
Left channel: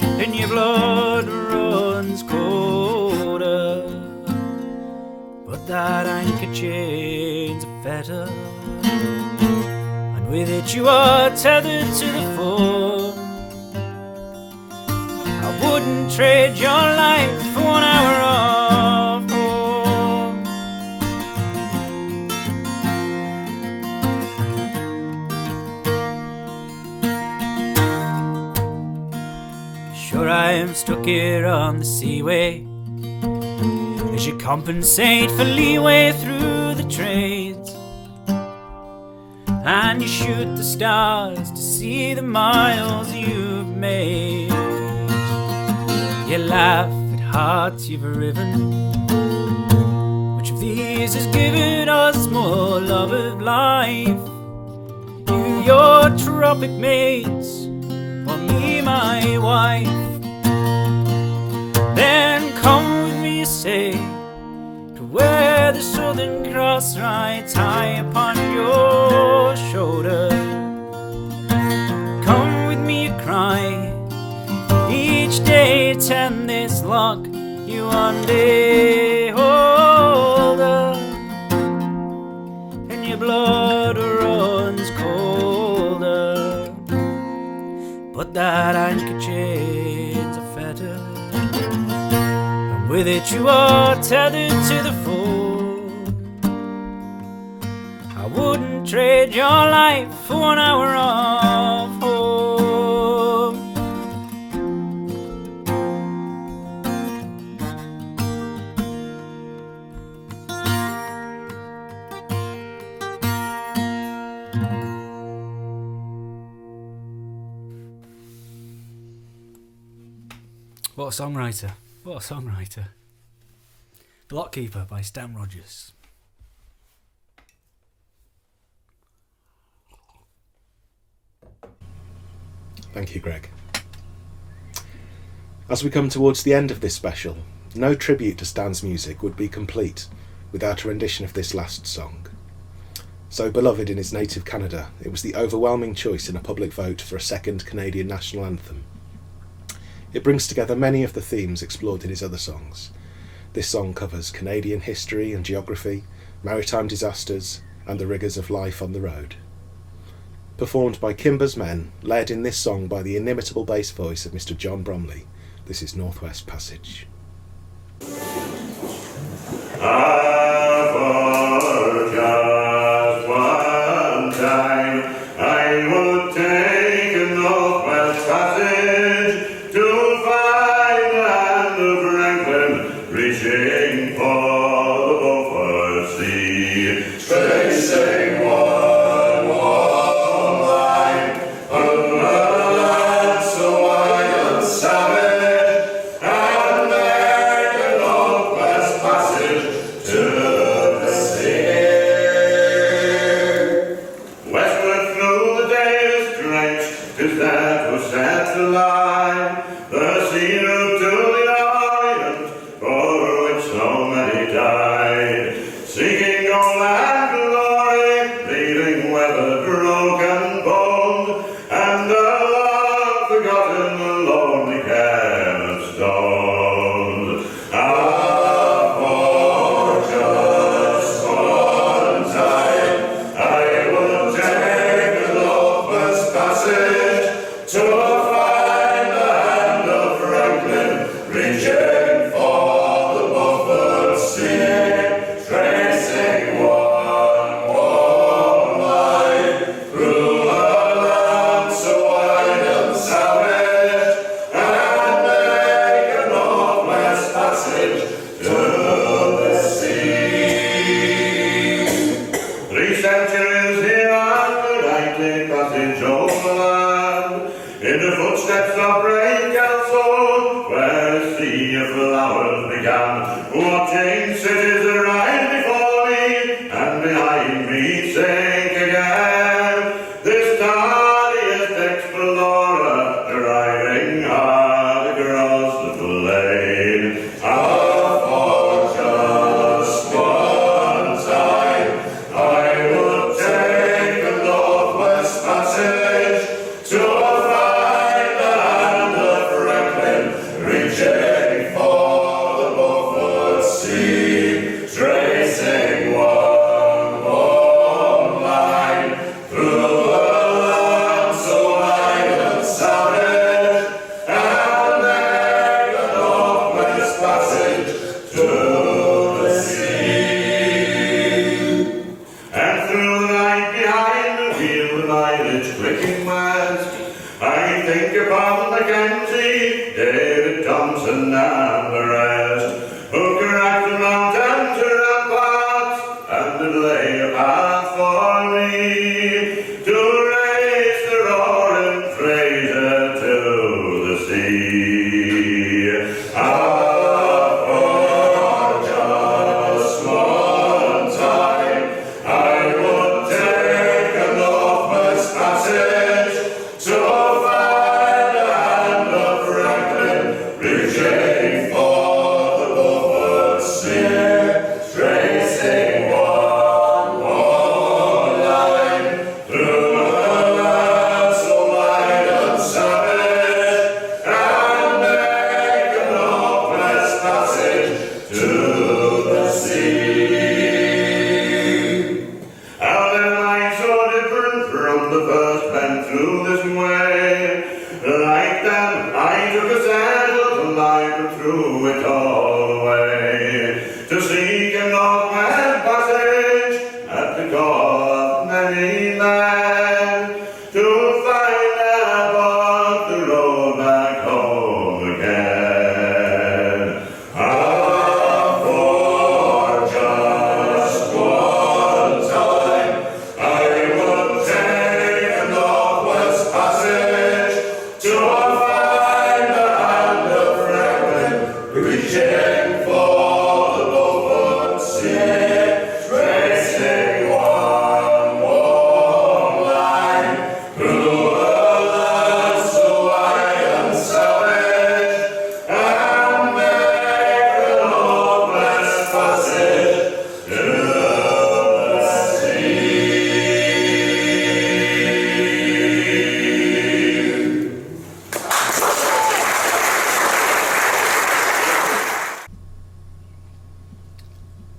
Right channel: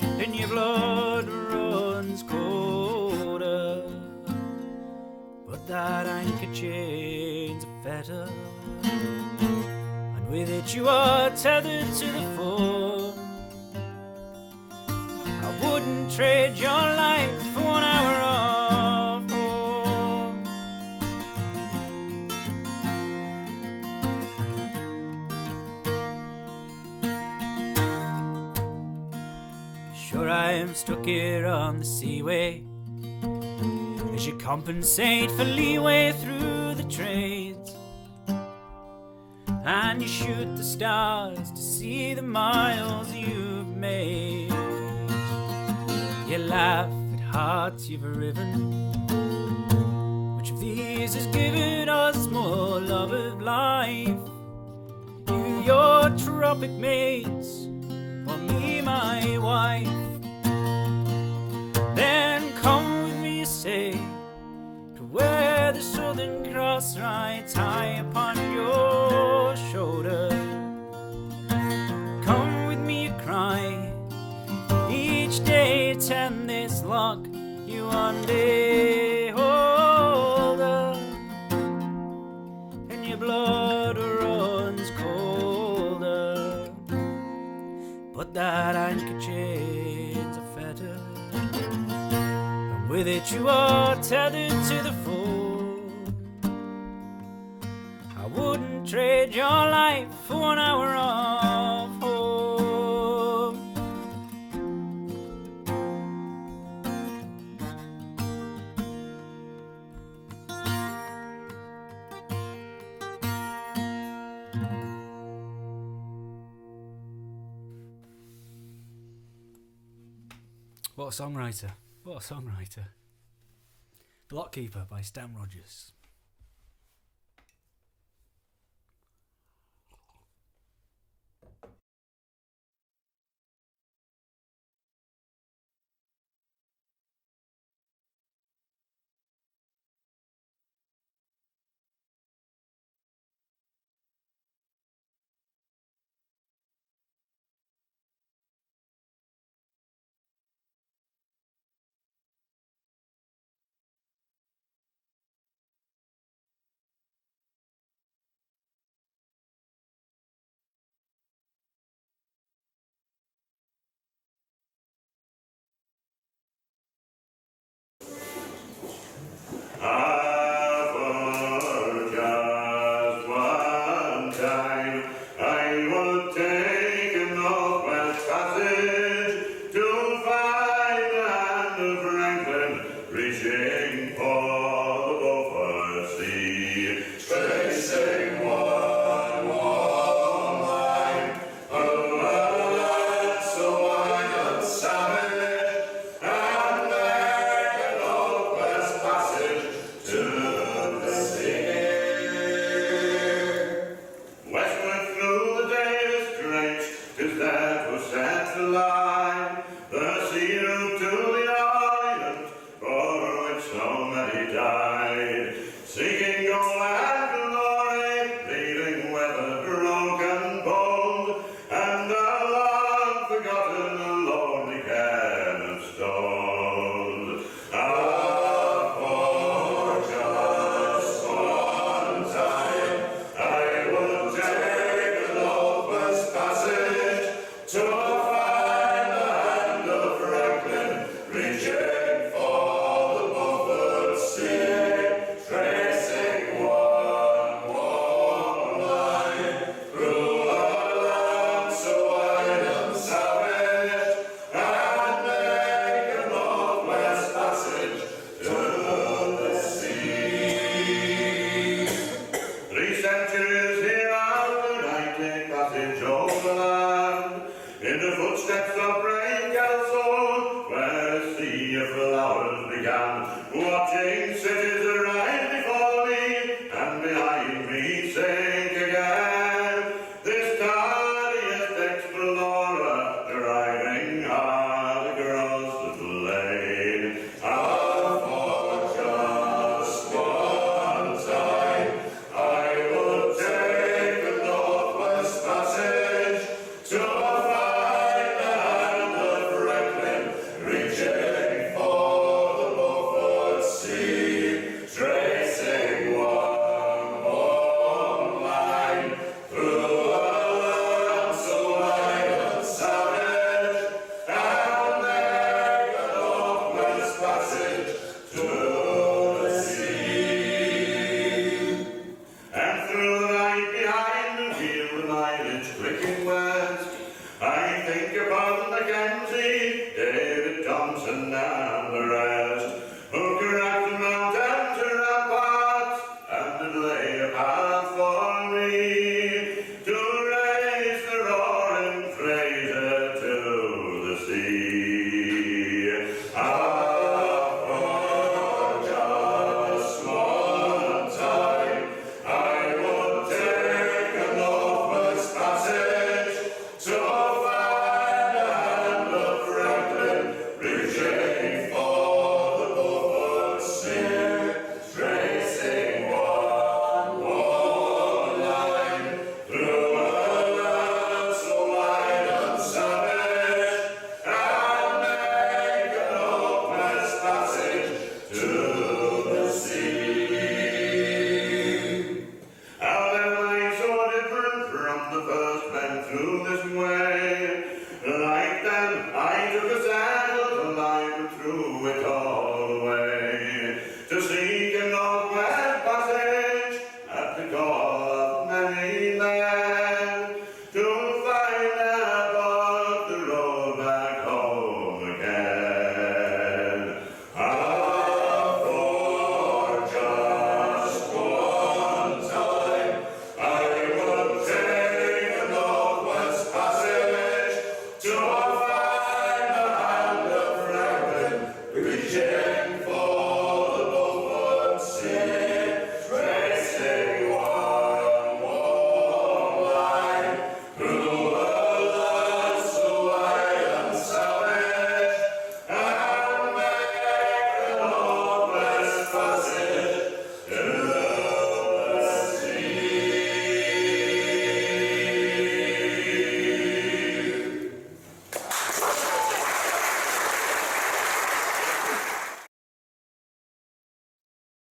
and your blood runs colder. But that anchor chain's a fetter, and with it you are tethered to the foam. I wouldn't trade your life for 1 hour of home. Sure, I am stuck here on the seaway as you compensate for leeway through the trades, and you shoot the stars to see the miles you've made. You laugh at hearts you've riven. Which of these has given us more love of life? You, your tropic mates, or me, my wife? Then come with me, you say, to where the Southern Cross rides high upon your shoulder. Come with me, you cry, each day tend this lock you one day hold up, and your blood runs colder. But that anchor chain's a fetter, and with it you are tethered to the fold. I wouldn't trade your life for 1 hour of home. What a songwriter. What a songwriter. Blockkeeper by Stan Rogers. Thank you, Greg. As we come towards the end of this special, no tribute to Stan's music would be complete without a rendition of this last song. So beloved in his native Canada, it was the overwhelming choice in a public vote for a second Canadian national anthem. It brings together many of the themes explored in his other songs. This song covers Canadian history and geography, maritime disasters, and the rigours of life on the road. Performed by Kimber's men, led in this song by the inimitable bass voice of Mr. John Bromley, this is Northwest Passage. To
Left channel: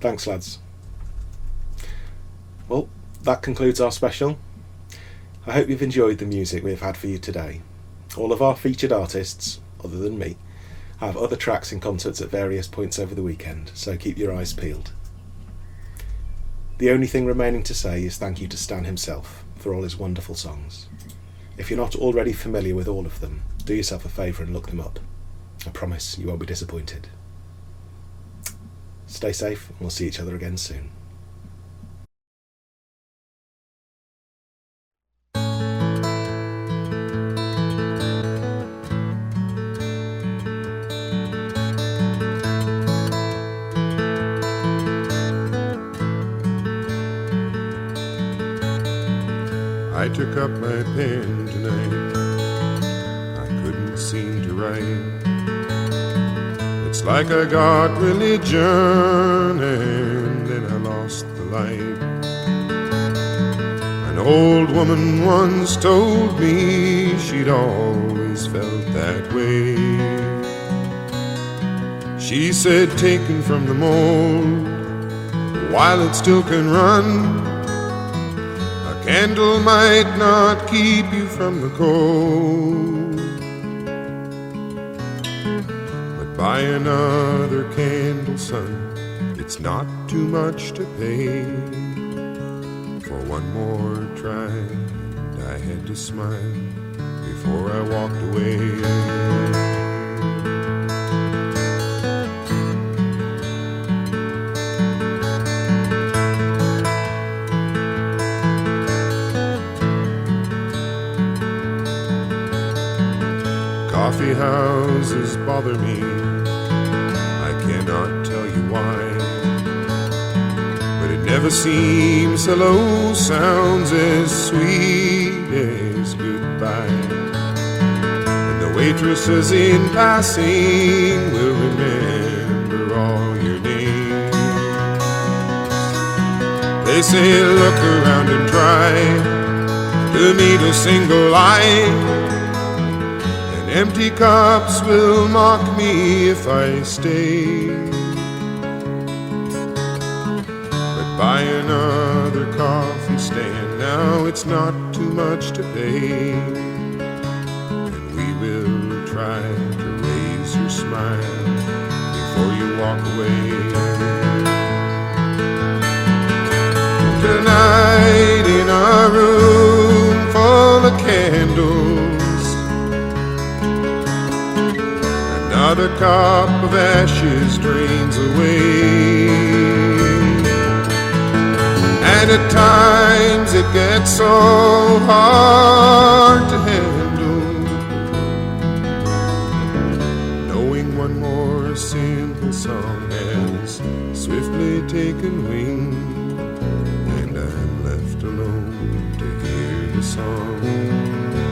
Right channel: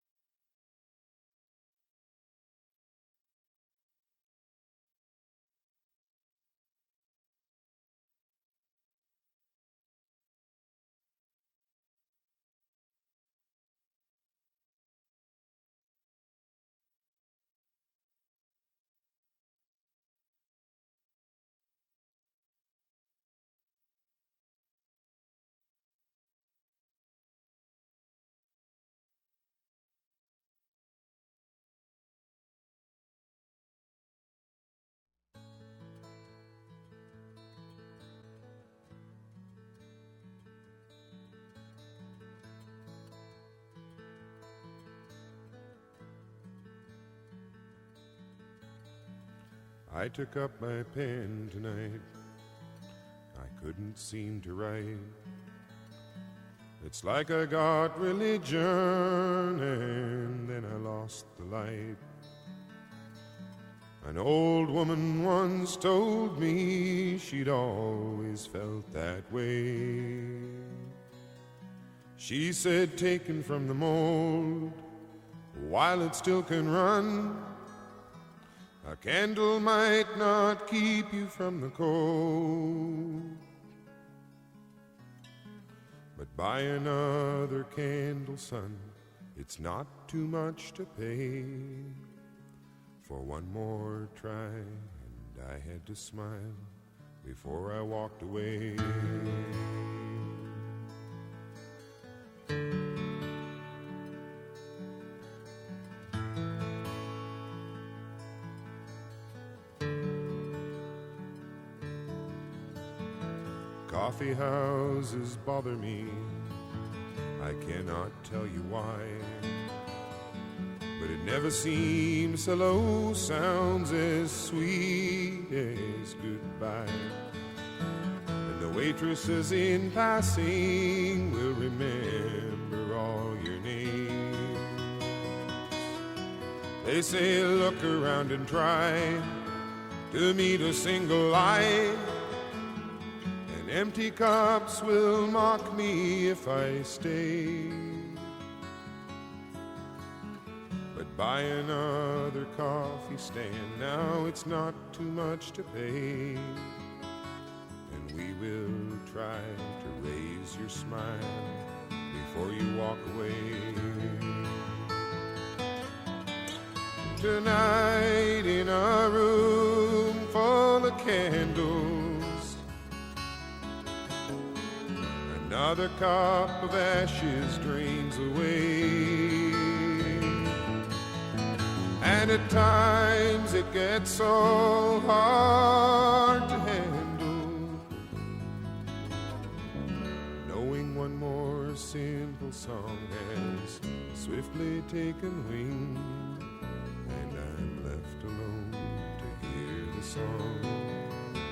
Thanks, lads. Well, that concludes our special. I hope you've enjoyed the music we've had for you today. All of our featured artists, other than me, have other tracks in concerts at various points over the weekend, so keep your eyes peeled. The only thing remaining to say is thank you to Stan himself for all his wonderful songs. If you're not already familiar with all of them, do yourself a favour and look them up. I promise you won't be disappointed. Stay safe, and we'll see each other again soon. I took up my pen tonight. I couldn't seem to write. It's like I got religion and then I lost the light. An old woman once told me she'd always felt that way. She said, taken from the mold, while it still can run, a candle might not keep you from the cold. Buy another candle, son, it's not too much to pay for one more try. And I had to smile before I walked away. Coffee houses bother me, I cannot tell you why, but it never seems hello sounds as sweet as goodbye. And the waitresses in passing will remember all your names. They say look around and try to meet a single eye. Empty cups will mock me if I stay. But buy another coffee stand, now it's not too much to pay. And we will try to raise your smile before you walk away. Tonight in a room full of candles, another cup of ashes drains away. And at times it gets so hard to handle, knowing one more simple song has swiftly taken wing, and I'm left alone to hear the song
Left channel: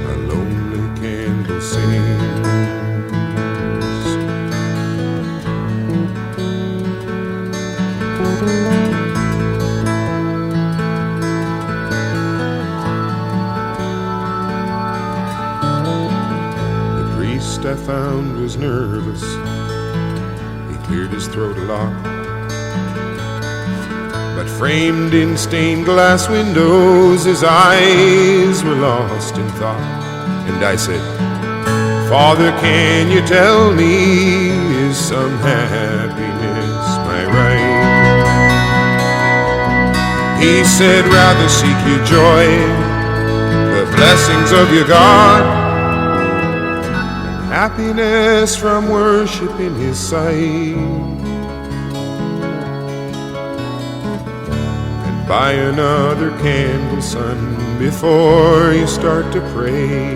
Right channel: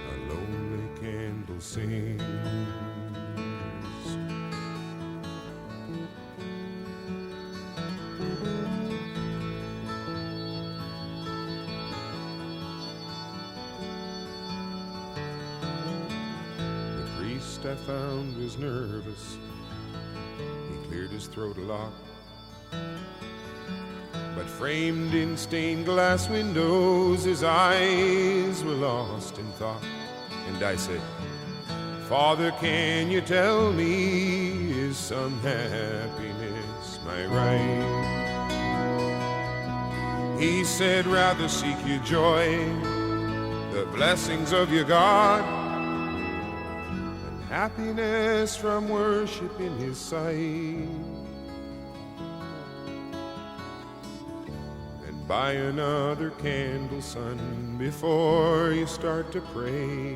a lonely candle sing. I found was nervous. He cleared his throat a lot, but framed in stained glass windows his eyes were lost in thought. And I said, Father, can you tell me, is some happiness my right? He said, rather seek your joy, the blessings of your God, happiness from worship in his sight. And buy another candle, son, before you start to pray.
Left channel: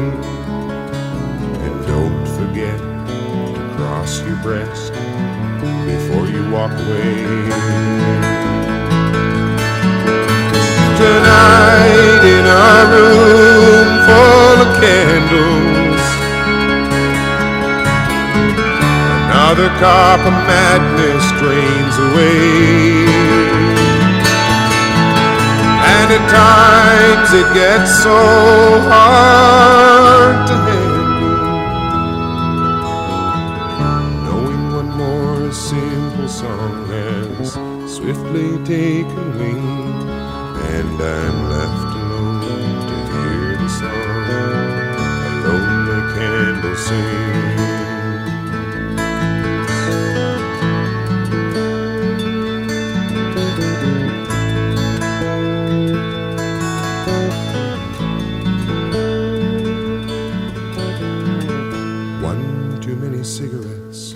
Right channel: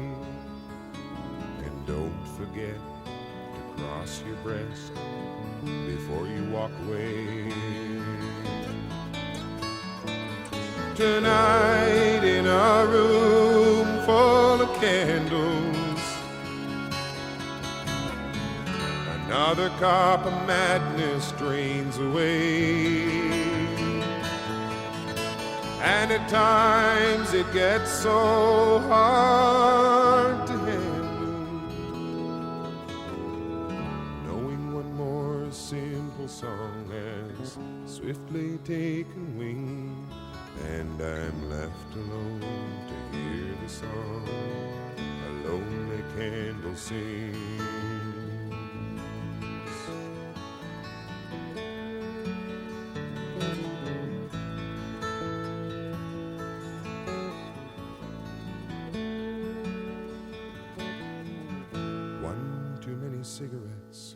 And don't forget to cross your breast before you walk away. Another cup of madness drains away, and at times it gets so hard to handle, knowing one more simple song has swiftly taken wing, and I'm left alone to hear the song a lonely candle sings. One too many cigarettes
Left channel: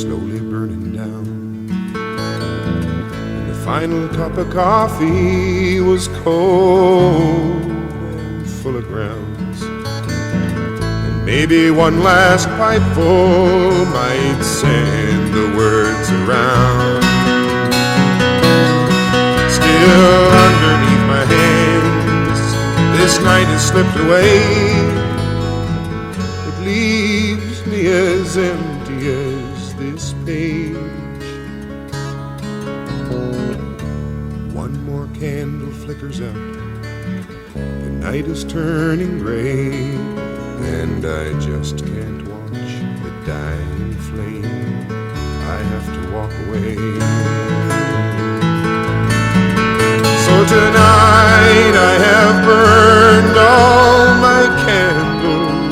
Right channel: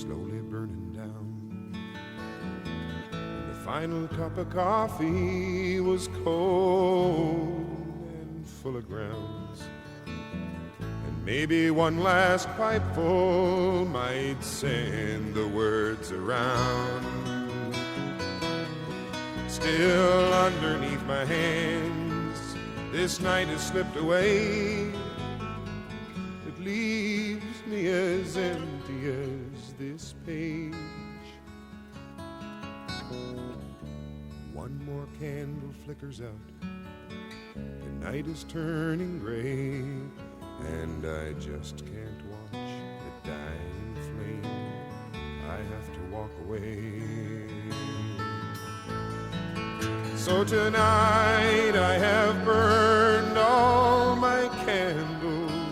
slowly burning down, and the final cup of coffee was cold and full of grounds, and maybe one last pipeful might send the words around. Still underneath my hands, this night has slipped away. It leaves me as empty as this page. One more candle flickers out, the night is turning gray, and I just can't watch the dying flame. I have to walk away. So tonight I have burned all my candles,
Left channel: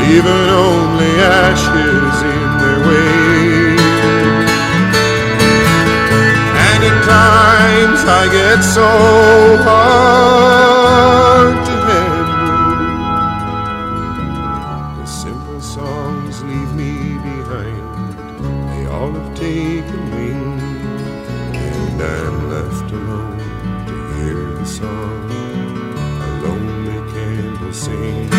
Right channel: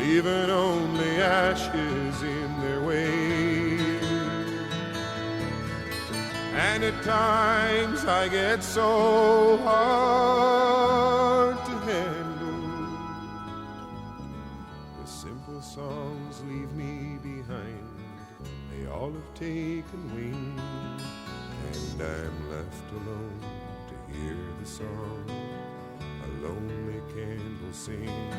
leaving only ashes in their way. And at times I get so hard to handle. The simple songs leave me behind, they all have taken wing, and I'm left alone to hear the song a lonely candle sing.